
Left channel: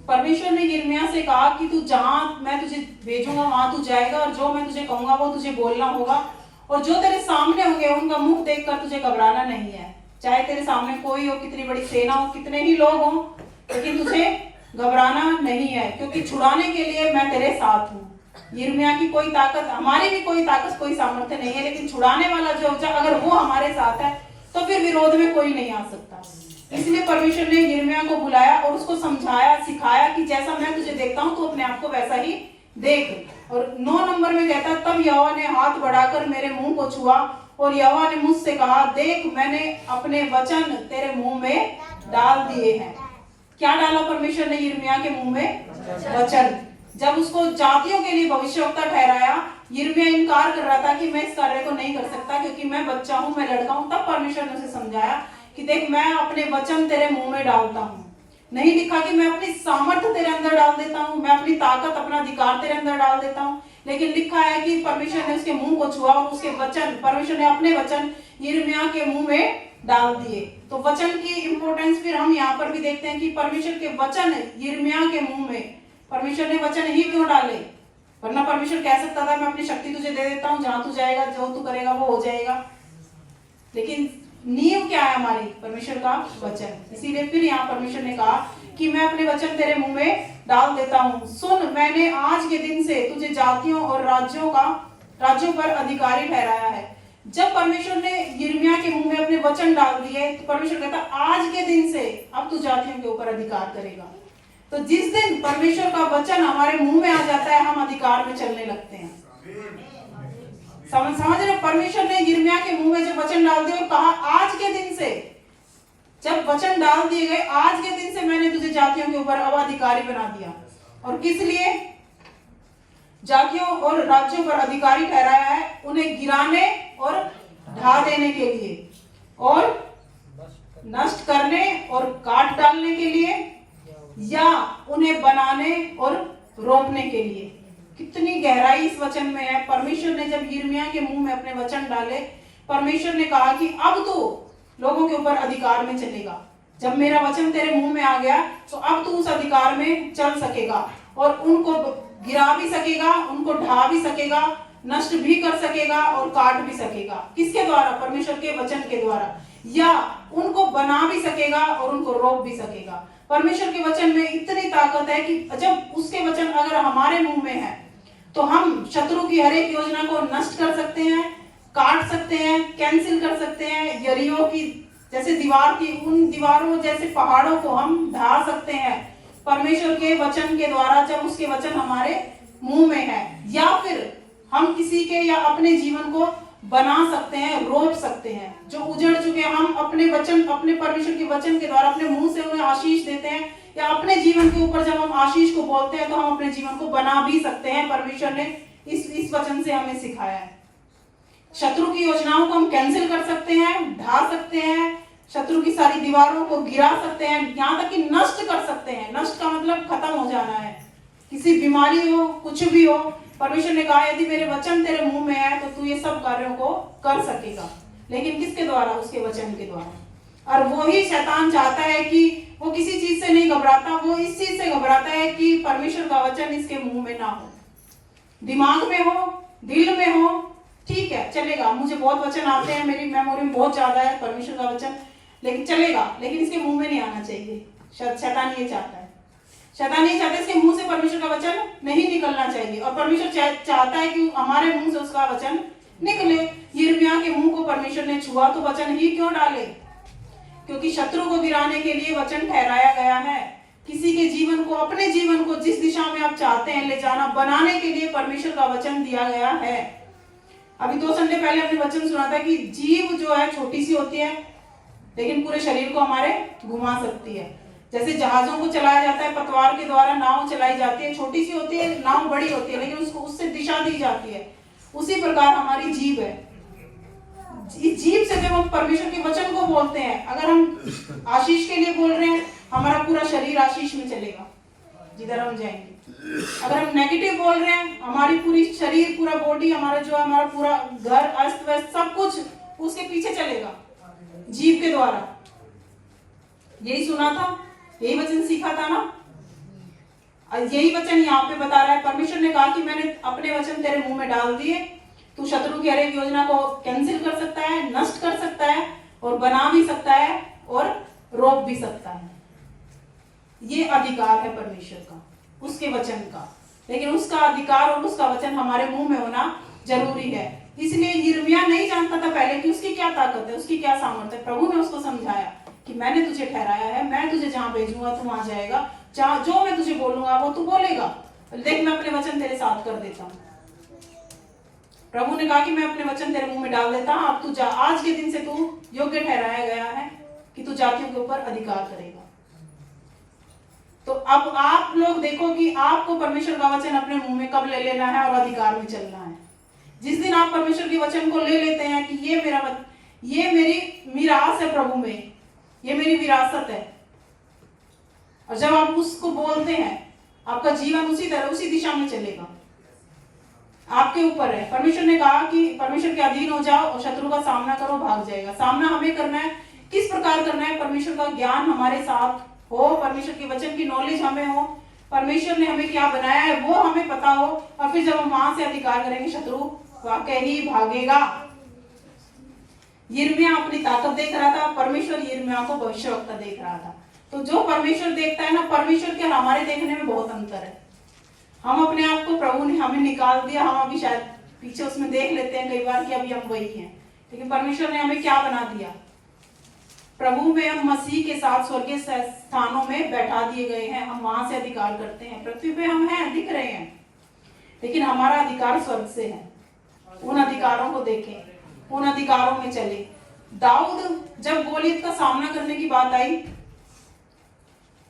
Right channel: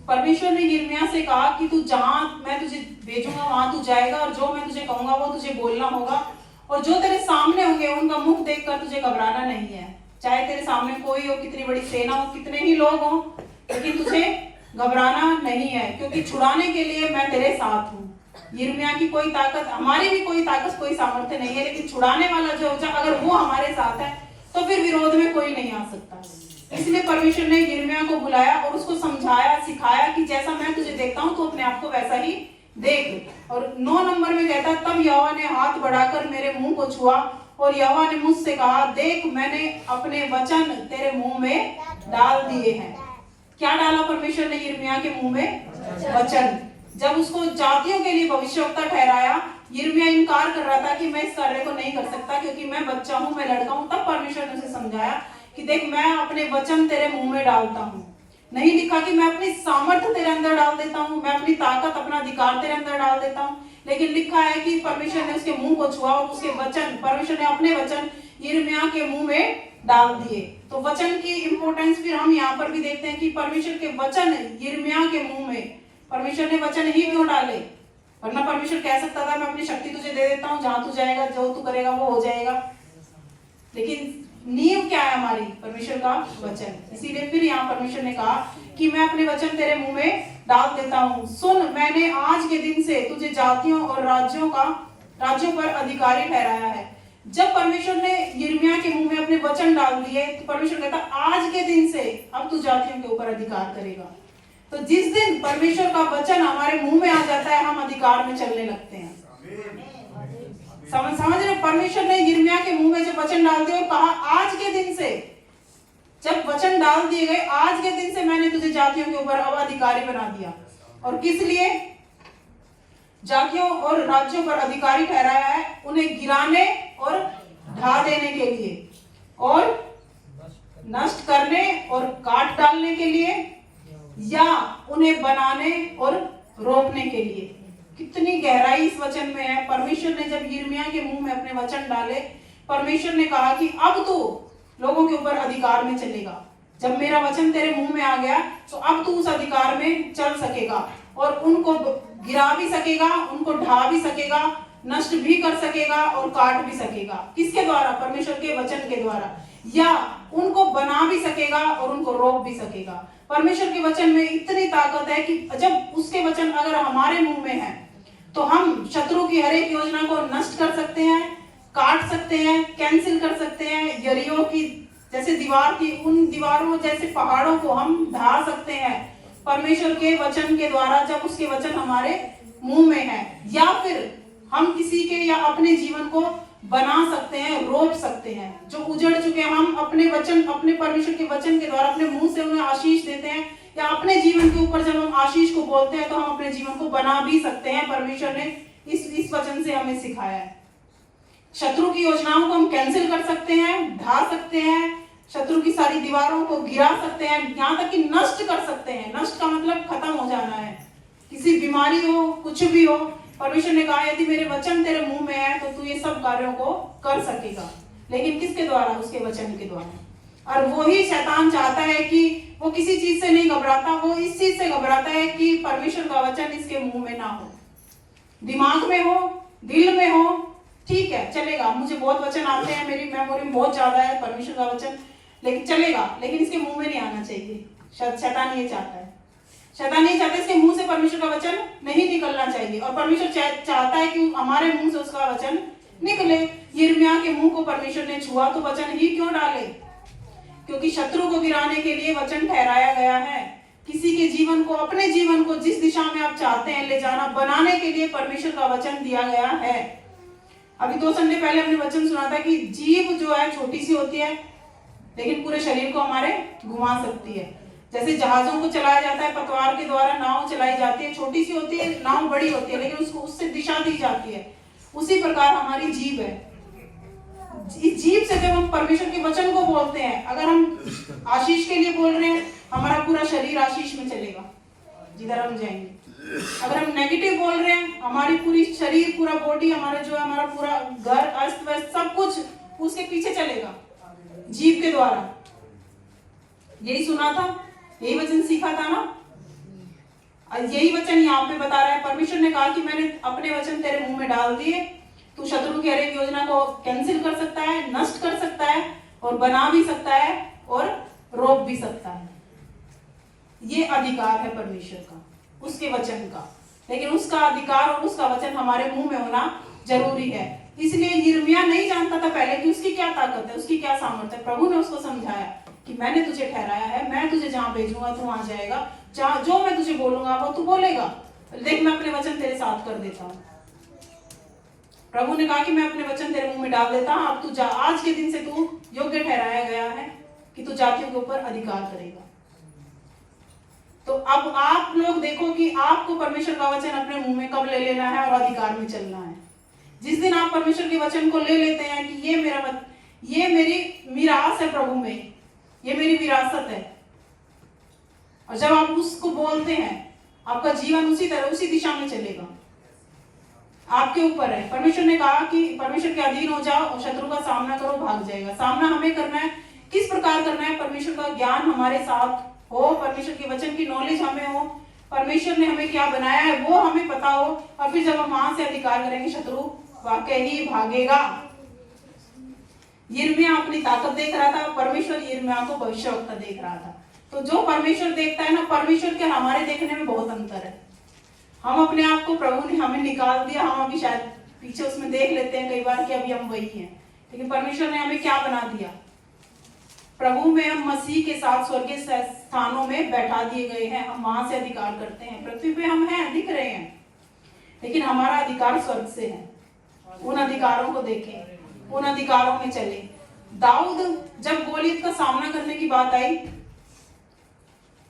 परमेश्वर ने यिर्मयाह से कहा कि तू जहां मैं तुझे भेजूंगा वहां तू जाएगा, और जो मैं तुझे कहूंगा वो तुझे बोलना होगा, और जो तेरे सामने होंगे उनका मुख देखकर तुझे घबराना नहीं है। चाहे तेरे सामने कोई हो, कितनी बड़ी सेना हो, कितने ही लोग हो, लेकिन तुझे घबराना नहीं है, क्योंकि छुड़ाने के लिए मैं तेरे साथ हूँ। यिर्मयाह की कोई ताकत, हमारी भी कोई ताकत कोई सामर्थ्य नहीं है, लेकिन छुड़ाने वाला जो अगर वो हमारे साथ है तो फिर विरोध में कोई नहीं आ सकता। इसलिए परमेश्वर ने यिर्मयाह को बुलाया और उसको समझाया, सिखाया कि जैसा मैं तुझे देखता हूँ तो अपने आप को वैसा ही देख। और 9 नंबर में कहता, तब यहोवा ने हाथ बढ़ाकर मेरे मुंह को छुआ, और यहोवा ने मुझसे कहा, देख मैंने अपने वचन तेरे मुंह में डाल दिए हैं। क्या डाला परमेश्वर ने यिर्मयाह के मुंह में? वचन। जब उसको जातियों के लिए भविष्यवक्ता ठहराया, यिर्मयाह इनकार कर रहा था कि मैं इस कार्य को नहीं कर सकता क्योंकि मैं बच्चा हूं, मैं लड़का हूं। तब परमेश्वर ने उसे समझाया कि देख मैं अपने वचन तेरे मुंह में डालता हूं। नहीं लिखा कि मैं अपनी सामर्थ्य तेरे अंदर डाल देता हूं, मैं अपनी ताकत, अपना अधिकार तेरे अंदर डाल देता हूं, लेकिन लिखा है कि परमेश्वर ने उसके मुंह को छुआ और उसके वचन, परमेश्वर ने अपने वचन यिर्मयाह के मुंह में डाल दिए। तो वचन की इंपॉर्टेंस फिर हम यहाँ पर भी देखते हैं कि परमेश्वर के वचन यिर्मयाह के मुंह में, परमेश्वर ने वचन ही क्यों डाले? वरना परमेश्वर कह सकता था मैं अपनी शक्ति तुझे दे देता हूँ, जहां तू जाएगा जो तू करेगा वो हो जाएगा। लेकिन नींव क्या है हमारी? परमेश्वर का वचन। इसीलिए फिर यहाँ परमेश्वर ने कहा कि मैं अपने वचन तेरे मुंह में डाल देता हूँ। सुन, मैंने आज के दिन से तुझे जातियों और राज्यों पर अधिकारी ठहराया है। जब परमेश्वर ने यिर्मयाह के मुंह में अपने वचन डाल दिए तो परमेश्वर कहता आज के दिन से अब तू जातियों के ऊपर अधिकार करेगा। तो जिस दिन परमेश्वर का वचन हमारे मुंह में आ जाता है, हम अधिकार में चलने लगते हैं। समझ रहे? परमेश्वर ने यिर्मयाह के मुंह में जब वचन डाल दिए और कहा आज के दिन से, जब वचन डाल दिए गए, आज के दिन से मैंने तुझे जातियों के ऊपर अब अधिकारी बना दिया। और किस लिए? जातियों और राज्यों पर अधिकारी ठहराया है, उन्हें गिराने और ढा देने के लिए और नष्ट करने और काट डालने के लिए या उन्हें बनाने और रोपने के लिए। कितनी गहराई इस वचन में है। परमेश्वर ने जब यिर्मयाह के मुंह में अपने वचन डाले, परमेश्वर ने कहा कि अब तू लोगों के ऊपर अधिकार में चलेगा। जब मेरा वचन तेरे मुंह में आ गया तो अब तू उस अधिकार में चल सकेगा और उनको गिरा भी सकेगा, उनको ढा भी सकेगा, नष्ट भी कर सकेगा और काट भी सकेगा। किसके द्वारा? परमेश्वर के वचन के द्वारा। या उनको बना भी सकेगा और उनको रोक भी सकेगा। परमेश्वर के वचन में इतनी ताकत है कि जब उसके वचन अगर हमारे मुंह में है तो हम शत्रु की हर एक योजना को नष्ट कर सकते हैं, काट सकते हैं, कैंसिल कर सकते हैं। यरीहो की जैसे दीवार थी, उन दीवारों जैसे पहाड़ों को हम ढा सकते हैं परमेश्वर के वचन के द्वारा, जब उसके वचन हमारे मुंह में है। या फिर हम किसी के या अपने जीवन को बना सकते हैं, रोप सकते हैं। जो उजड़ चुके हैं, हम अपने वचन, अपने परमेश्वर के वचन के द्वारा अपने मुंह से उन्हें आशीष देते हैं, या अपने जीवन के ऊपर जब हम आशीष को बोलते हैं तो हम अपने जीवन को बना भी सकते हैं। परमेश्वर ने इस वचन से हमें सिखाया है। शत्रु की योजनाओं को हम कैंसिल कर सकते हैं, ढा सकते हैं, शत्रु की सारी दीवारों को गिरा सकते हैं, यहाँ तक कि नष्ट कर सकते हैं। नष्ट का मतलब खत्म हो जाना है। किसी बीमारी हो, कुछ भी हो, परमेश्वर ने कहा यदि मेरे वचन तेरे मुंह में है तो तू ये सब कार्यों को कर सकेगा। लेकिन किसके द्वारा? उसके वचन के द्वारा। और वही शैतान चाहता है कि वो किसी चीज से नहीं घबराता, वो इस चीज से घबराता है कि परमेश्वर का वचन इसके मुंह में ना हो। दिमाग में हो, दिल में हो, ठीक है चलेगा, मुझे बहुत वचन आते हैं, मेरी मेमोरी में बहुत ज्यादा है परमेश्वर का वचन, लेकिन चलेगा, लेकिन इसके मुंह में नहीं आना चाहिए। शैतान ये चाहता है। शैतान ये चाहता है इसके मुंह से परमेश्वर का वचन नहीं निकलना चाहिए, और परमेश्वर चाहता है कि हमारे मुंह से उसका वचन निकले। यिर्मयाह के मुंह को परमेश्वर ने छुआ तो वचन ही क्यों डाले? क्योंकि शत्रु को गिराने के लिए वचन ठहराया गया है। किसी के जीवन को, अपने जीवन को जिस दिशा में आप चाहते हैं ले जाना, बनाने के लिए परमेश्वर का वचन दिया गया है। अभी 2 संडे पहले हमने वचन सुना था कि जीभ जो है छोटी सी होती है लेकिन पूरे शरीर को हमारे घुमा सकती है। जैसे जहाजों को चलाया जाता है पतवार के द्वारा, नाव चलाई जाती है, छोटी सी होती है, नाव बड़ी होती है, लेकिन उसको उससे दिशा दी जाती है। उसी प्रकार हमारी जीभ है। इस जीभ से जब हम परमेश्वर के वचन को बोलते हैं, अगर हम आशीष के लिए बोल रहे हैं, हमारा पूरा शरीर आशीष में चलेगा जिधर हम जाएंगे। अगर हम नेगेटिव बोल रहे हैं, हमारी पूरी शरीर, पूरा बॉडी, हमारा जो हमारा पूरा घर अस्त व्यस्त सब कुछ उसके पीछे चलेगा, जीभ के द्वारा। यही सुना था, यही वचन सीखा था ना। यही वचन यहाँ पे बता रहा है। परमेश्वर ने कहा कि मैंने अपने वचन तेरे मुंह में डाल दिए, तू शत्रु की हर एक योजना को कैंसिल कर सकता है, नष्ट कर सकता है, और बना भी सकता है और रोक भी सकता है। ये अधिकार है परमेश्वर का, उसके वचन का। लेकिन उसका अधिकार और उसका वचन हमारे मुंह में होना जरूरी है। इसलिए यिर्मयाह नहीं जानता था पहले कि उसकी क्या ताकत है, उसकी क्या सामर्थ्य है। प्रभु ने उसको समझाया कि मैंने तुझे ठहराया है, मैं तुझे जहां भेजूंगा तू वहां जाएगा, जहां जो मैं तुझे बोलूंगा वो तू बोलेगा। देख मैं अपने वचन तेरे साथ कर देता हूँ। प्रभु ने कहा कि मैं अपने वचन तेरे मुंह में डाल देता हूं, अब तू जा, आज के दिन से तू योग्य ठहराया गया है कि तू जातियों के ऊपर अधिकार करेगा। तो अब आप लोग देखो कि आपको परमेश्वर का वचन अपने मुंह में कब ले लेना है और अधिकार में चलना है। जिस दिन आप परमेश्वर के वचन को ले लेते हैं कि ये मेरी मिरास है प्रभु में, ये मेरी विरासत है, और जब आप उसको बोलते हैं आपका जीवन उसी तरह उसी दिशा में चलेगा। आपके ऊपर है। परमेश्वर ने कहा कि परमेश्वर के अधीन हो जाओ और शत्रु का सामना करो, भाग जाएगा। सामना हमें करना है। किस प्रकार करना है? परमेश्वर का ज्ञान हमारे साथ हो, परमेश्वर के वचन की नॉलेज हमें हो, परमेश्वर ने हमें क्या बनाया है वो हमें पता हो, और फिर जब हम वहां से अधिकार करेंगे शत्रु वाकई ही भागेगा। यिर्मयाह अपनी ताकत देख रहा था, परमेश्वर यिर्मयाह को भविष्यवक्ता देख रहा था। तो जो परमेश्वर देखता है ना, परमेश्वर के हमारे देखने में बहुत अंतर है। हम अपने आप को, प्रभु ने हमें निकाल दिया, हम अभी शायद पीछे उसमें देख लेते हैं कई बार कि अभी हम वही हैं, लेकिन परमेश्वर ने हमें क्या बना दिया? प्रभु में हम मसीह के साथ स्वर्गीय स्थानों में बैठा दिए गए हैं। हम वहां से अधिकार करते हैं। पृथ्वी पे हम हैं, दिख रहे हैं, लेकिन हमारा अधिकार स्वर्ग से है। उन अधिकारों को देखें, उन अधिकारों में चले। दाऊद, जब गोलियत का सामना करने की बात आई,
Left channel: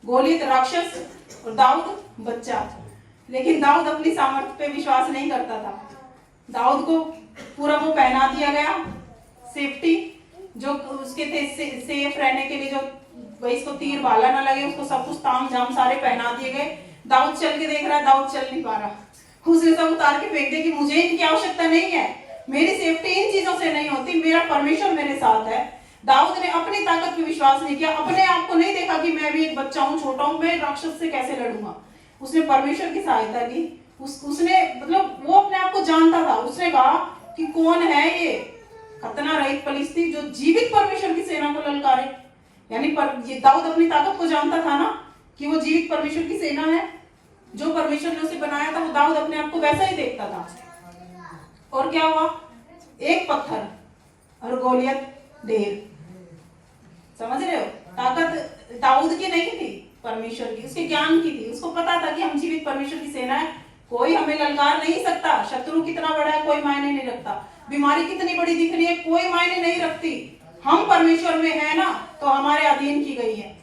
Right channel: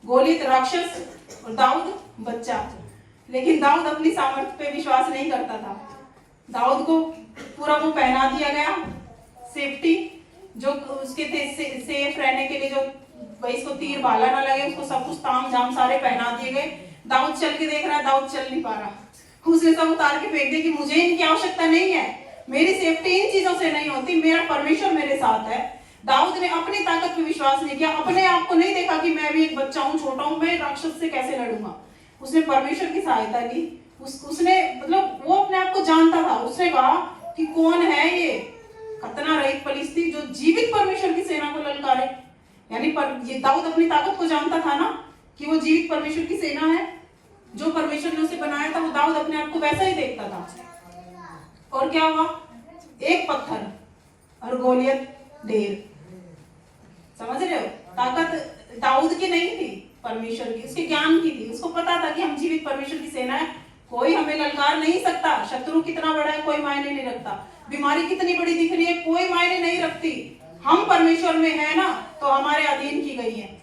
गोलियत राक्षस और दाऊद बच्चा, लेकिन दाऊद अपनी सामर्थ्य पे विश्वास नहीं करता था। दाऊद को पूरा वो पहना दिया गया, सेफ्टी जो उसके थे, सेफ रहने के लिए, जो भाई इसको तीर भाला ना लगे, उसको सब कुछ ताम झाम सारे पहना दिए गए। दाऊद चल के देख रहा है, दाऊद चल नहीं पा रहा, उसने सब उतार के फेंक दिया कि मुझे इनकी आवश्यकता नहीं है, मेरी सेफ्टी इन चीजों से नहीं होती, मेरा परमेश्वर मेरे साथ है। दाऊद ने अपनी ताकत पे विश्वास नहीं किया, अपने आप को नहीं देखा कि मैं भी एक बच्चा हूँ, छोटा हूँ, मैं राक्षस से कैसे लड़ूंगा। उसने परमेश्वर की सहायता ली। उसने मतलब वो अपने आप को जानता था। उसने कहा कि कौन है ये खतना रहित फलिस्ती जो जीवित परमेश्वर की सेना को ललकारे। यानी ये दाऊद अपनी ताकत को जानता था ना कि वो जीवित परमेश्वर की सेना है, जो परमेश्वर ने उसे बनाया था। वो दाऊद अपने आप को वैसा ही देखता था। और क्या हुआ, एक पत्थर और गोलियत ढेर। समझ रहे हो, ताकत दाऊद की नहीं थी, परमेश्वर की, उसके ज्ञान की थी। उसको पता था कि हम जीवित परमेश्वर की सेना है, कोई हमें ललकार नहीं सकता। शत्रु कितना बड़ा है कोई मायने नहीं रखता, बीमारी कितनी बड़ी दिख रही है कोई मायने नहीं रखती। हम परमेश्वर में है ना, तो हमारे अधीन की गई है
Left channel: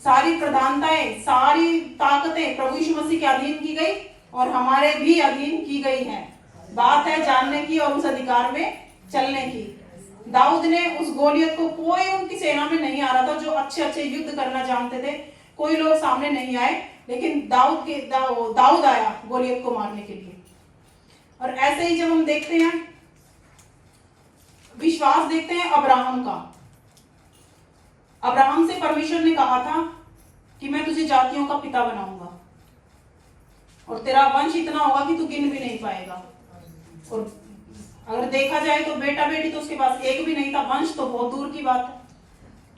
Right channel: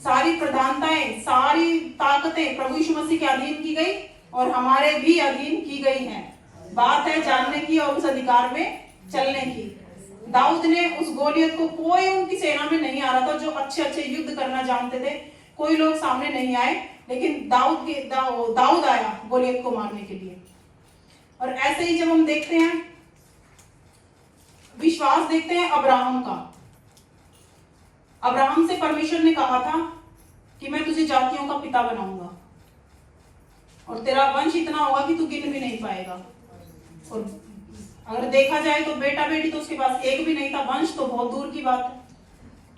सारी प्रधानताएं, सारी ताकतें प्रभु यीशु मसीह के अधीन की गई और हमारे भी अधीन की गई हैं। बात है जानने की और उस अधिकार में चलने की। दाऊद ने उस गोलियत को, कोई उनकी सेना में नहीं आ रहा था जो अच्छे अच्छे युद्ध करना जानते थे, कोई लोग सामने नहीं आए, लेकिन दाऊद आया गोलियत को मारने के लिए। और ऐसे ही जब हम देखते हैं, विश्वास देखते हैं अब्राहम का। अब्राहम से परमेश्वर ने कहा था कि मैं तुझे जातियों का पिता बनाऊंगा और तेरा वंश इतना होगा कि तू गिन भी नहीं पाएगा। और अगर देखा जाए तो बेटा बेटी तो उसके पास एक भी नहीं था, वंश तो बहुत दूर की बात है।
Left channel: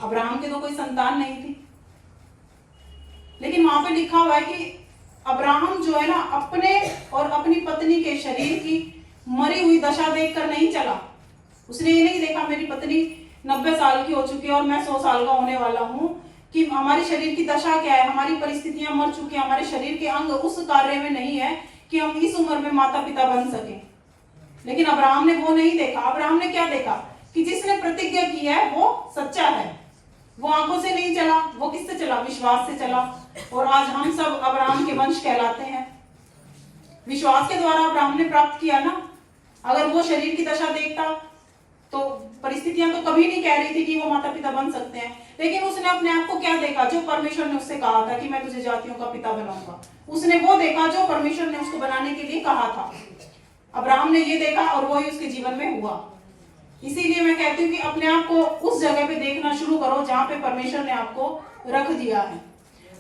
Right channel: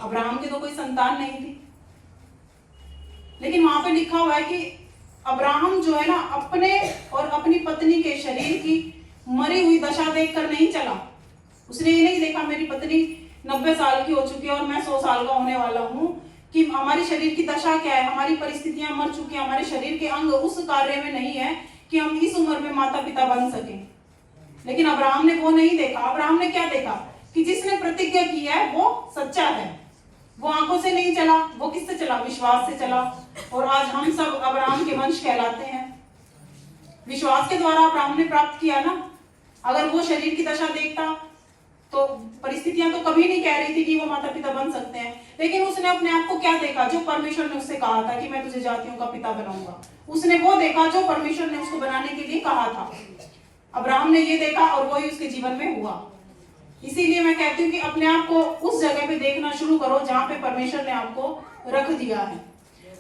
अब्राहम के तो कोई संतान नहीं थी, लेकिन वहां पे लिखा हुआ है कि अब्राहम जो है ना, अपने और अपनी पत्नी के शरीर की मरी हुई दशा देखकर नहीं चला। उसने ये नहीं देखा मेरी पत्नी 90 साल की हो चुकी है और मैं 100 साल का होने वाला हूँ, कि हमारी शरीर की दशा क्या है, हमारी परिस्थितियां मर चुकी है, हमारे शरीर के अंग उस कार्य में नहीं है कि हम इस उम्र में माता पिता बन सके। लेकिन अब्राहम ने वो नहीं देखा। अब्राहम ने क्या देखा कि जिसने प्रतिज्ञा की है वो सच्चा है। वो आंखों से नहीं चला, वो किससे चला, विश्वास से चला। और आज हम सब अब्राहम के वंश कहलाते हैं। विश्वास के द्वारा अब्राहम ने प्राप्त किया ना। अगर वो शरीर की दशा देखता तो परिस्थितियां तो कभी नहीं कह रही थी कि वो माता पिता बन सकते हैं, लेकिन उसने अपने आप को क्या देखा, जो परमेश्वर ने उससे कहा था कि मैं तुझे जातियों का पिता बनाऊंगा। उसने वो देखा जो परमेश्वर ने उसको बनाने के लिए कहा था। अब्राहम ने ये देखा और वही उसके जीवन में हुआ। इसीलिए मैं कहती हूँ कि अपने आप को उस जगह पे देखना शुरू करो जहाँ पे परमेश्वर ने आपको रख दिया है।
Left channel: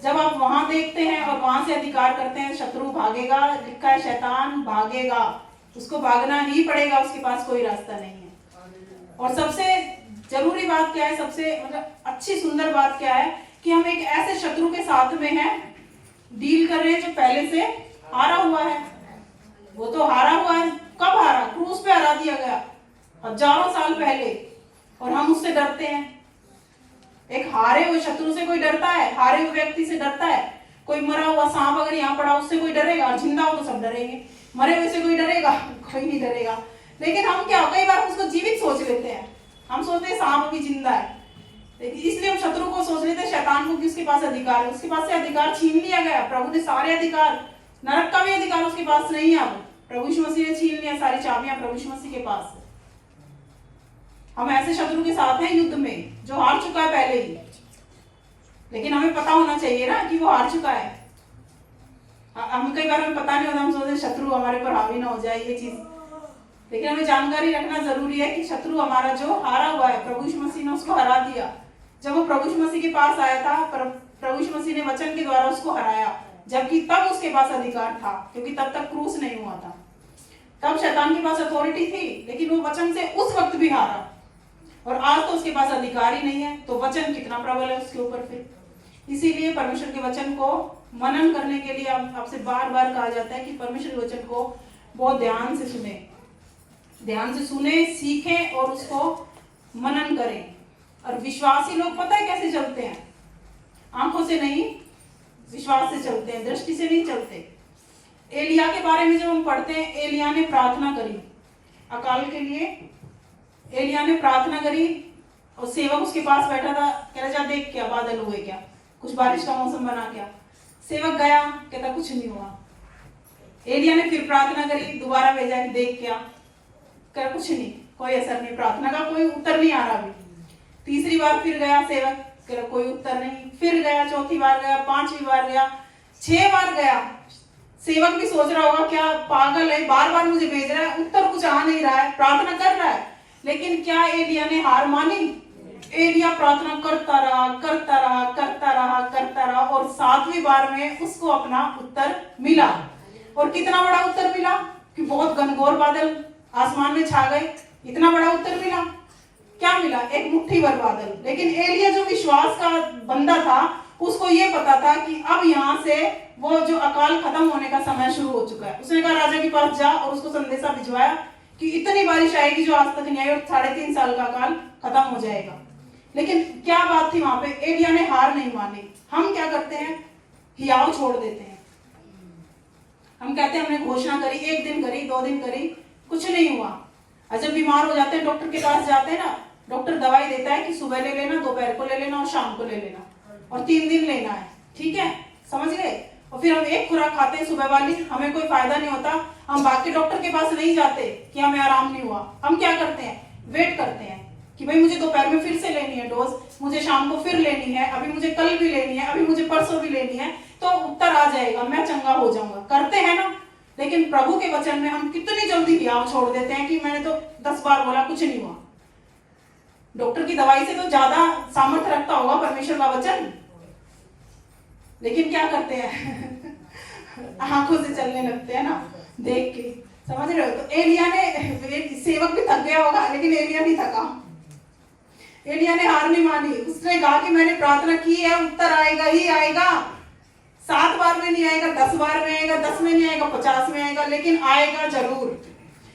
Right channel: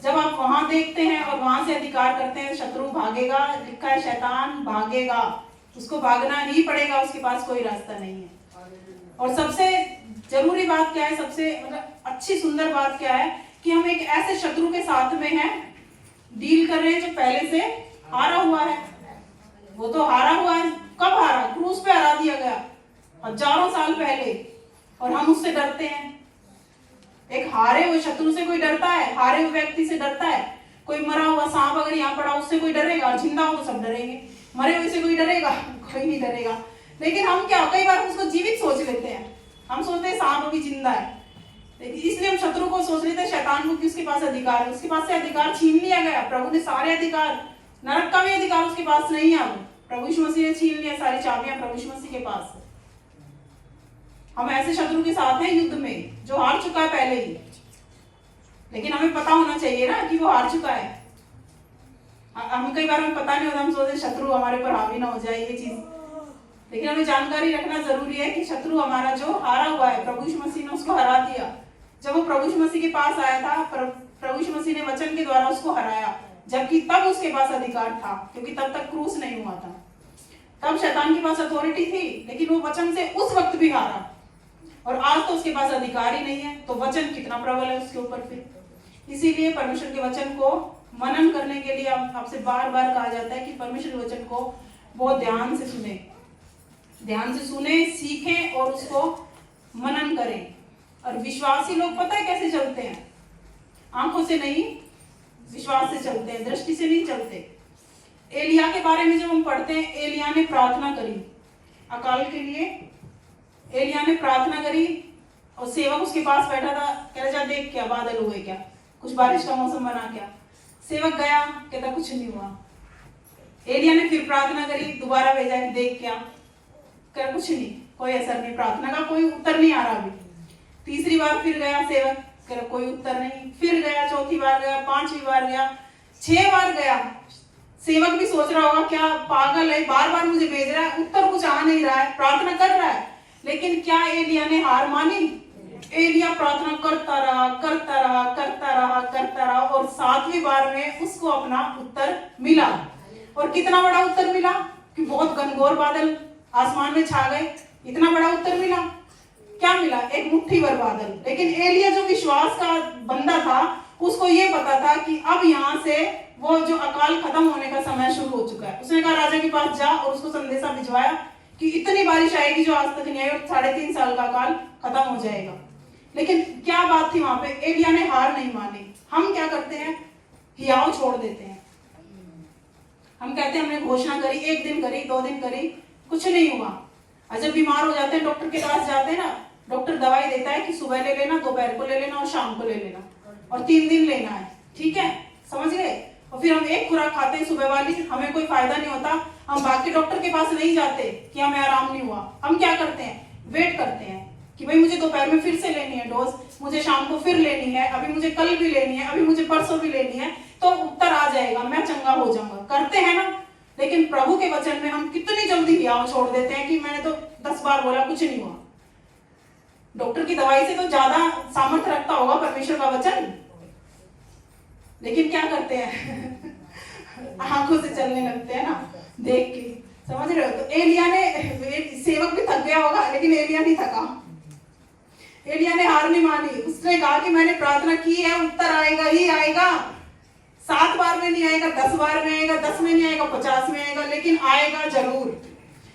जब आप वहां देखते हैं और वहां से अधिकार करते हैं, शत्रु भागेगा। लिखा है शैतान भागेगा, उसको भागना ही पड़ेगा, उसके पास कोई रास्ता नहीं है। और सबसे जरूरी बात क्या है, सबसे मतलब अच्छी सुंदर बात क्या है कि हम एक ऐसे शत्रु के साथ में हैं, डील कर रहे हैं जो पहले से हारा हुआ है। वो तो हारा हुआ है, कब हारा, क्रूस पे हरा दिया गया हजारों साल पहले, और हम उससे डरते हैं। एक हारे हुए शत्रु से कोई डरता है? हारे हुए व्यक्ति से डरता है कोई? मरा हुआ सांप अगर यहाँ पड़ा उससे कोई डरेगा? जिंदा हो तो सब डरेंगे, मरे हुए से कोई डरेगा? कोई नहीं डरेगा। लेकिन हम क्या, कई बार हम उसको जीवित सोच लेते हैं। हम सोचते हैं सांप अभी जिंदा है, लेकिन इसलिए हम शत्रु को सोच लेते हैं, शैतान को, कि उसके पास अधिकार है। उसके पास से अधिकार छीन लिया गया। प्रभु ने सारे अधिकार, नरक का भी अधिकार उसके पास नहीं है। अब प्रभु यीशु मसीह ने छीन लिया, सारी चाबियां प्रभु यीशु मसीह के पास है। हम ऐसे शत्रु के साथ हैं युद्ध में जो हार चुका है पहले ही, लेकिन हमें पता होना चाहिए ना कि वो हार चुका है। हम कई बार हमें पता नहीं होता, हम सोचते शत्रु हमारे पर हावी ना हो जाए ये चीज, लेकिन हमें जानकारी रखना जरूरी है कि शत्रु हमारा जो हारा हुआ है, प्रभु यीशु मसीह ने उसको हरा दिया। जब वो प्रभु यीशु मसीह के पास आया था, प्रभु यीशु मसीह ने वचन के द्वारा उसको हराया, जबकि तब उसके पास अधिकार था, क्योंकि तब तक क्रूस नहीं हुआ था। तब शैतान के पास अथॉरिटी थी, लेकिन वो वचन से उस वक्त भी हारा, और आज तो उसके पास अधिकार ही नहीं है। तो वचन कितना प्रबल है उसके ऊपर फिर। इसीलिए परमेश्वर के वचन को मनन करने के लिए आपसे बार बार कहा जाता है कि परमेश्वर के वचन को बहुत ध्यान से सुने, सीखें और उसको मनन करें। और विश्वासी लोग पता है कैसे चलते हैं? आंखों से नहीं, विश्वास से चलते हैं, दृष्टि से नहीं चलते। एलिया के बारे में जब हम पढ़ते हैं, एलिया ने प्रार्थना करी अकाल के लिए। एलिया ने प्रार्थना करी और सेवक उसके पास बैठा था, कह रहा जा देख क्या बादल हुए, क्या कुछ बारिश का मौसम बना क्या? सेवक गया, कहता कुछ नहीं हुआ। एलिया ने फिर प्रार्थना करी, दोबारा भेजा कि देख क्या कर, कुछ नहीं, कोई असर नहीं, प्रार्थना का कोई उत्तर नहीं आ रहा अभी। तीसरी बार फिर गया सेवक, कर कोई उत्तर नहीं, फिर गया, चौथी बार गया, पांचवी बार गया, 6 बार गया। सेवक भी सोच रहा होगा क्या पागल है, बार बार मुझे भेज रहा है, उत्तर कुछ आ नहीं रहा है, प्रार्थना कर रहा है। लेकिन क्या एलिया ने हार मानी? एलिया प्रार्थना करता रहा, करता रहा, करता रहा, करता रहा, और 7वीं बार में उसको अपना उत्तर मिला। और कितना बड़ा उत्तर मिला कि बहुत घनघोर बादल आसमान में छा गए, इतना बड़ा उत्तर मिला। क्या मिला? एक मुट्ठी भर बादल। लेकिन एलिया जो विश्वास का बंदा था, उसको ये पता था कि अब यहाँ से वो जो अकाल खत्म होने का समय शुरू हो चुका है। उसने कहा राजा के पास जा, और उसको संदेशा भिजवाया कि इतनी बारिश आएगी जो आज तक नहीं आई, और 3.5 साल का अकाल खत्म हो जाएगा। लेकिन क्या बात थी वहां पे? एलिया ने हार नहीं मानी। हम क्या करते हैं? हियाव छोड़ देते हैं। हम कहते हैं हमने घोषणा करी, 1 दिन करी, 2 दिन करी, कुछ नहीं हुआ। और जब बीमार हो जाते हैं, डॉक्टर के पास जाते हैं ना, डॉक्टर दवाई देता है कि सुबह ले लेना, दोपहर को ले लेना और शाम को ले लेना, और 3 दिन लेना है, ठीक है, समझ गए? और फिर हम एक खुराक खाते हैं सुबह वाली, हमें कोई फायदा नहीं होता, हम बाकी डॉक्टर के पास नहीं जाते कि हमें आराम नहीं हुआ। हम क्या करते हैं? वेट करते हैं कि भाई मुझे दोपहर में फिर से लेनी है डोज, मुझे शाम को फिर लेनी है, अभी मुझे कल भी लेनी है, अभी मुझे परसों भी लेनी है, तो उत्तर आ जाएगा, मैं चंगा हो जाऊंगा। करते हैं ना? लेकिन प्रभु के वचन में हम कितनी जल्दी हियाव छोड़ देते हैं कि मैंने तो 10 बार बोला, कुछ नहीं हुआ। डॉक्टर की दवाई से तो ज्यादा सामर्थ्य रखता होगा परमेश्वर का वचन। लेकिन क्या करते हैं? आंखों से चलने लगते हैं ना, देख के, समझ रहे हो? तो एलिया ने, सेवक भी थक गया होगा, लेकिन एलिया नहीं थका। एलिया ने हार नहीं मानी। उसने कहा कि मैंने प्रार्थना की है, उत्तर आएगा ही आएगा। 7 बार में नहीं आएगा, 10 बार में आएगा, 10 में नहीं आएगा, 50 में आएगा, लेकिन आएगा जरूर।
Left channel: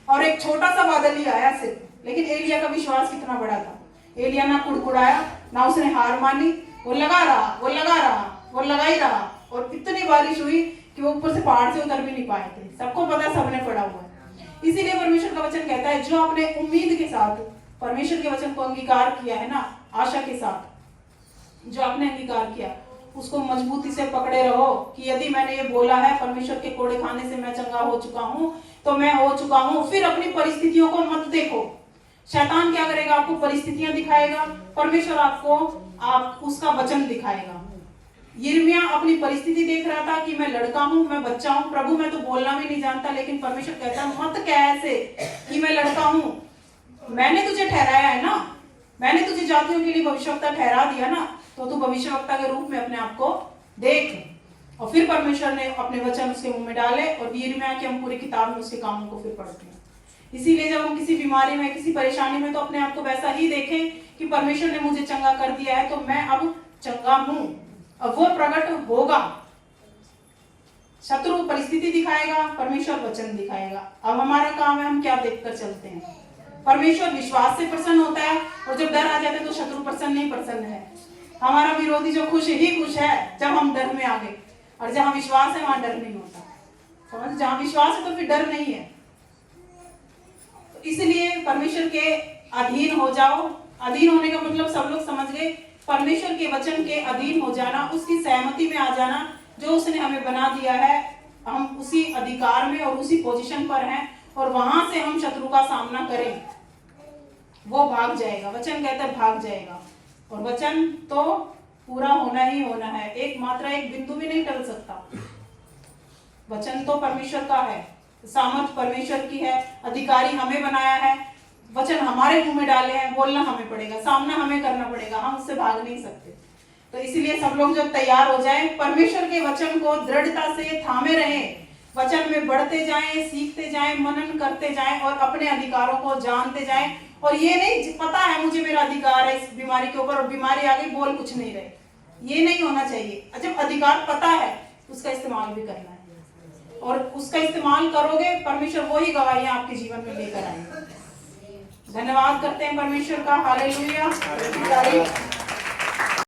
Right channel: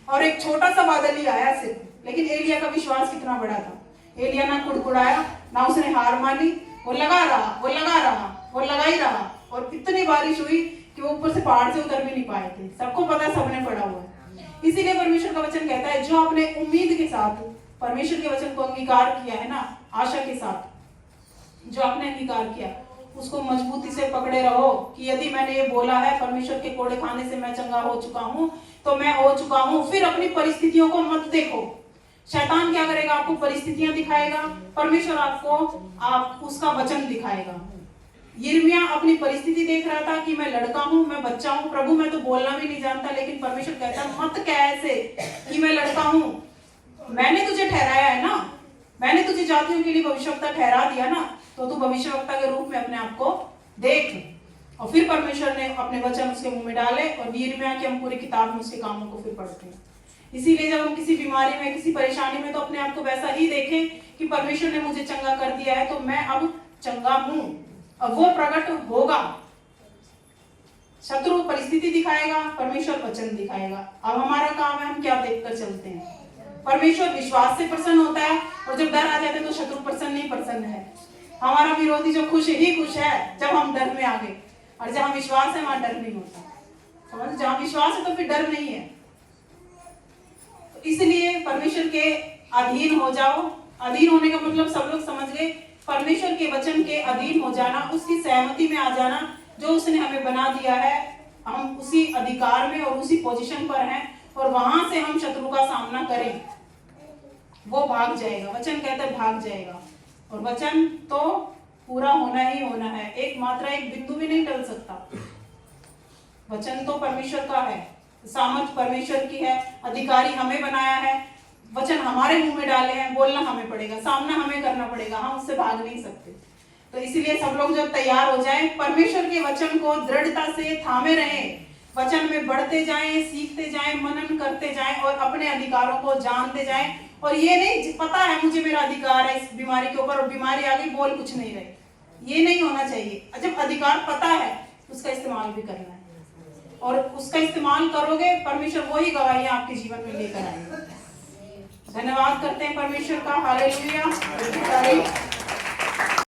और एक छोटा सा बादल ही आया सिर्फ, लेकिन एलिया का विश्वास कितना बड़ा था। एलिया ना कुड़कुड़ाया, ना उसने हार मानी, वो लगा रहा, वो लगा रहा, वो लगा ही रहा। और इतनी बारिश हुई कि वो ऊपर से पहाड़ से उतर भी नहीं पाए थे। सबको पता है, सबने पढ़ा हुआ है। इसीलिए परमेश्वर का वचन कहता है, जो अपने उम्मीद के साथ परमेश्वर के वचन को अंगीकार किया है ना, आशा के साथ जो आपने अंगीकार किया, उसको मजबूती से पकड़े रहो कि यदि मैंने ये बोला है परमेश्वर के कोड़े खाने से मैं चंगा हो चुका हूं, तो मैं हो चुका हूं। फिर अपनी परिस्थितियों को मत देखो। शैतान क्या करेगा? आपको परिस्थितियां दिखाएगा, परमेश्वर आप उसका वचन दिखाएगा। यिर्मयाह अपनी परिस्थिति देख रहा था कि मैं लड़का हूं, मैं बच्चा हूं, प्रभु मैं तो बोलना भी नहीं जानता, लेकिन परमेश्वर कहता मत कह ऐसे कि मैं लड़का हूं, मैंने तुझे ठहराया है ना, मैंने तुझे जातियों के लिए भविष्यवक्ता ठहरा दिया ना, तो तू भविष्यवक्ता के रूप में अपने आप को देख। और फिर परमेश्वर ने अपने वचन उसके मुंह में डाले, और यिर्मयाह की हम पूरी किताब में उसके कामों को फिर पढ़ते हैं। इसीलिए जब हम किसी बीमारी में, किसी परेशानी में, तो अपने आप को वैसा ही देखें कि परमेश्वर ने मुझे चंगा कर दिया है, तो मैं अब चंगा हूं। अब वो प्रकट होगा। शत्रु परिस्थिति दिखाएगा, परमेश्वर वचन दिखाएगा। अब हमारा काम है हम क्या देखकर चलते हैं। परमेश्वर विश्वास से प्रसन्न होता है, और जब डर आ जाता है तो शत्रु प्रसन्न नहीं प्रसन्न है। हमारा विरोधी जो खुश ही खुश है जब हम डर में आ गए, और जहां विश्वास है वहां डर नहीं होता। समझ? जहां विश्वास है तो फिर डर नहीं है। तो इसलिए परमेश्वर के अधीन हो जाओ। अधीन होने का मतलब सब लोग समझ गए, परमेश्वर के वचन के अधीन हो जाना, उसकी सहमति में आ जाना। जो उसने हमें बना दिया है, हम उसी अधिकार में और उसी पोजीशन पर हैं, और वहां से हम शत्रु का सामना करें, वो भाग जाएगा। वचन कहता है भाग जाएगा, और वचन तो पूरा होना ही होना है। एक मात्रा, एक बिंदु भी नहीं टल सकता। वचन तो परमेश्वर का है, सामर्थ परमेश्वर की है, अधिकारी हमें बनाया है, वचन हमारे मुंह में डाले हैं, बोलना हमें पड़ेगा, सामना हमें करना पड़ेगा, हम उससे भाग नहीं सकते। तो इसलिए सब लोग जब तैयार हो जाएं, परमेश्वर के वचन को दृढ़ता से थामे रहें, वचन में बढ़ते जाएं, सीखते जाएं, मनन करते जाएं, और अपने अधिकारों को जानते जाएं। और ये नहीं पता है मुझे मेरा अधिकार है इस बीमारी के ऊपर, और बीमारी आ गई बोल कुछ नहीं रहे, ये नहीं होना चाहिए। जब अधिकार पता है उसका इस्तेमाल भी करना है, और उसका इस्तेमाल करोगे, परमेश्वर वही गवाहियां आपके जीवन में लेकर आएंगे। धन्यवाद करते हैं परमेश्वर का। हालेलुया।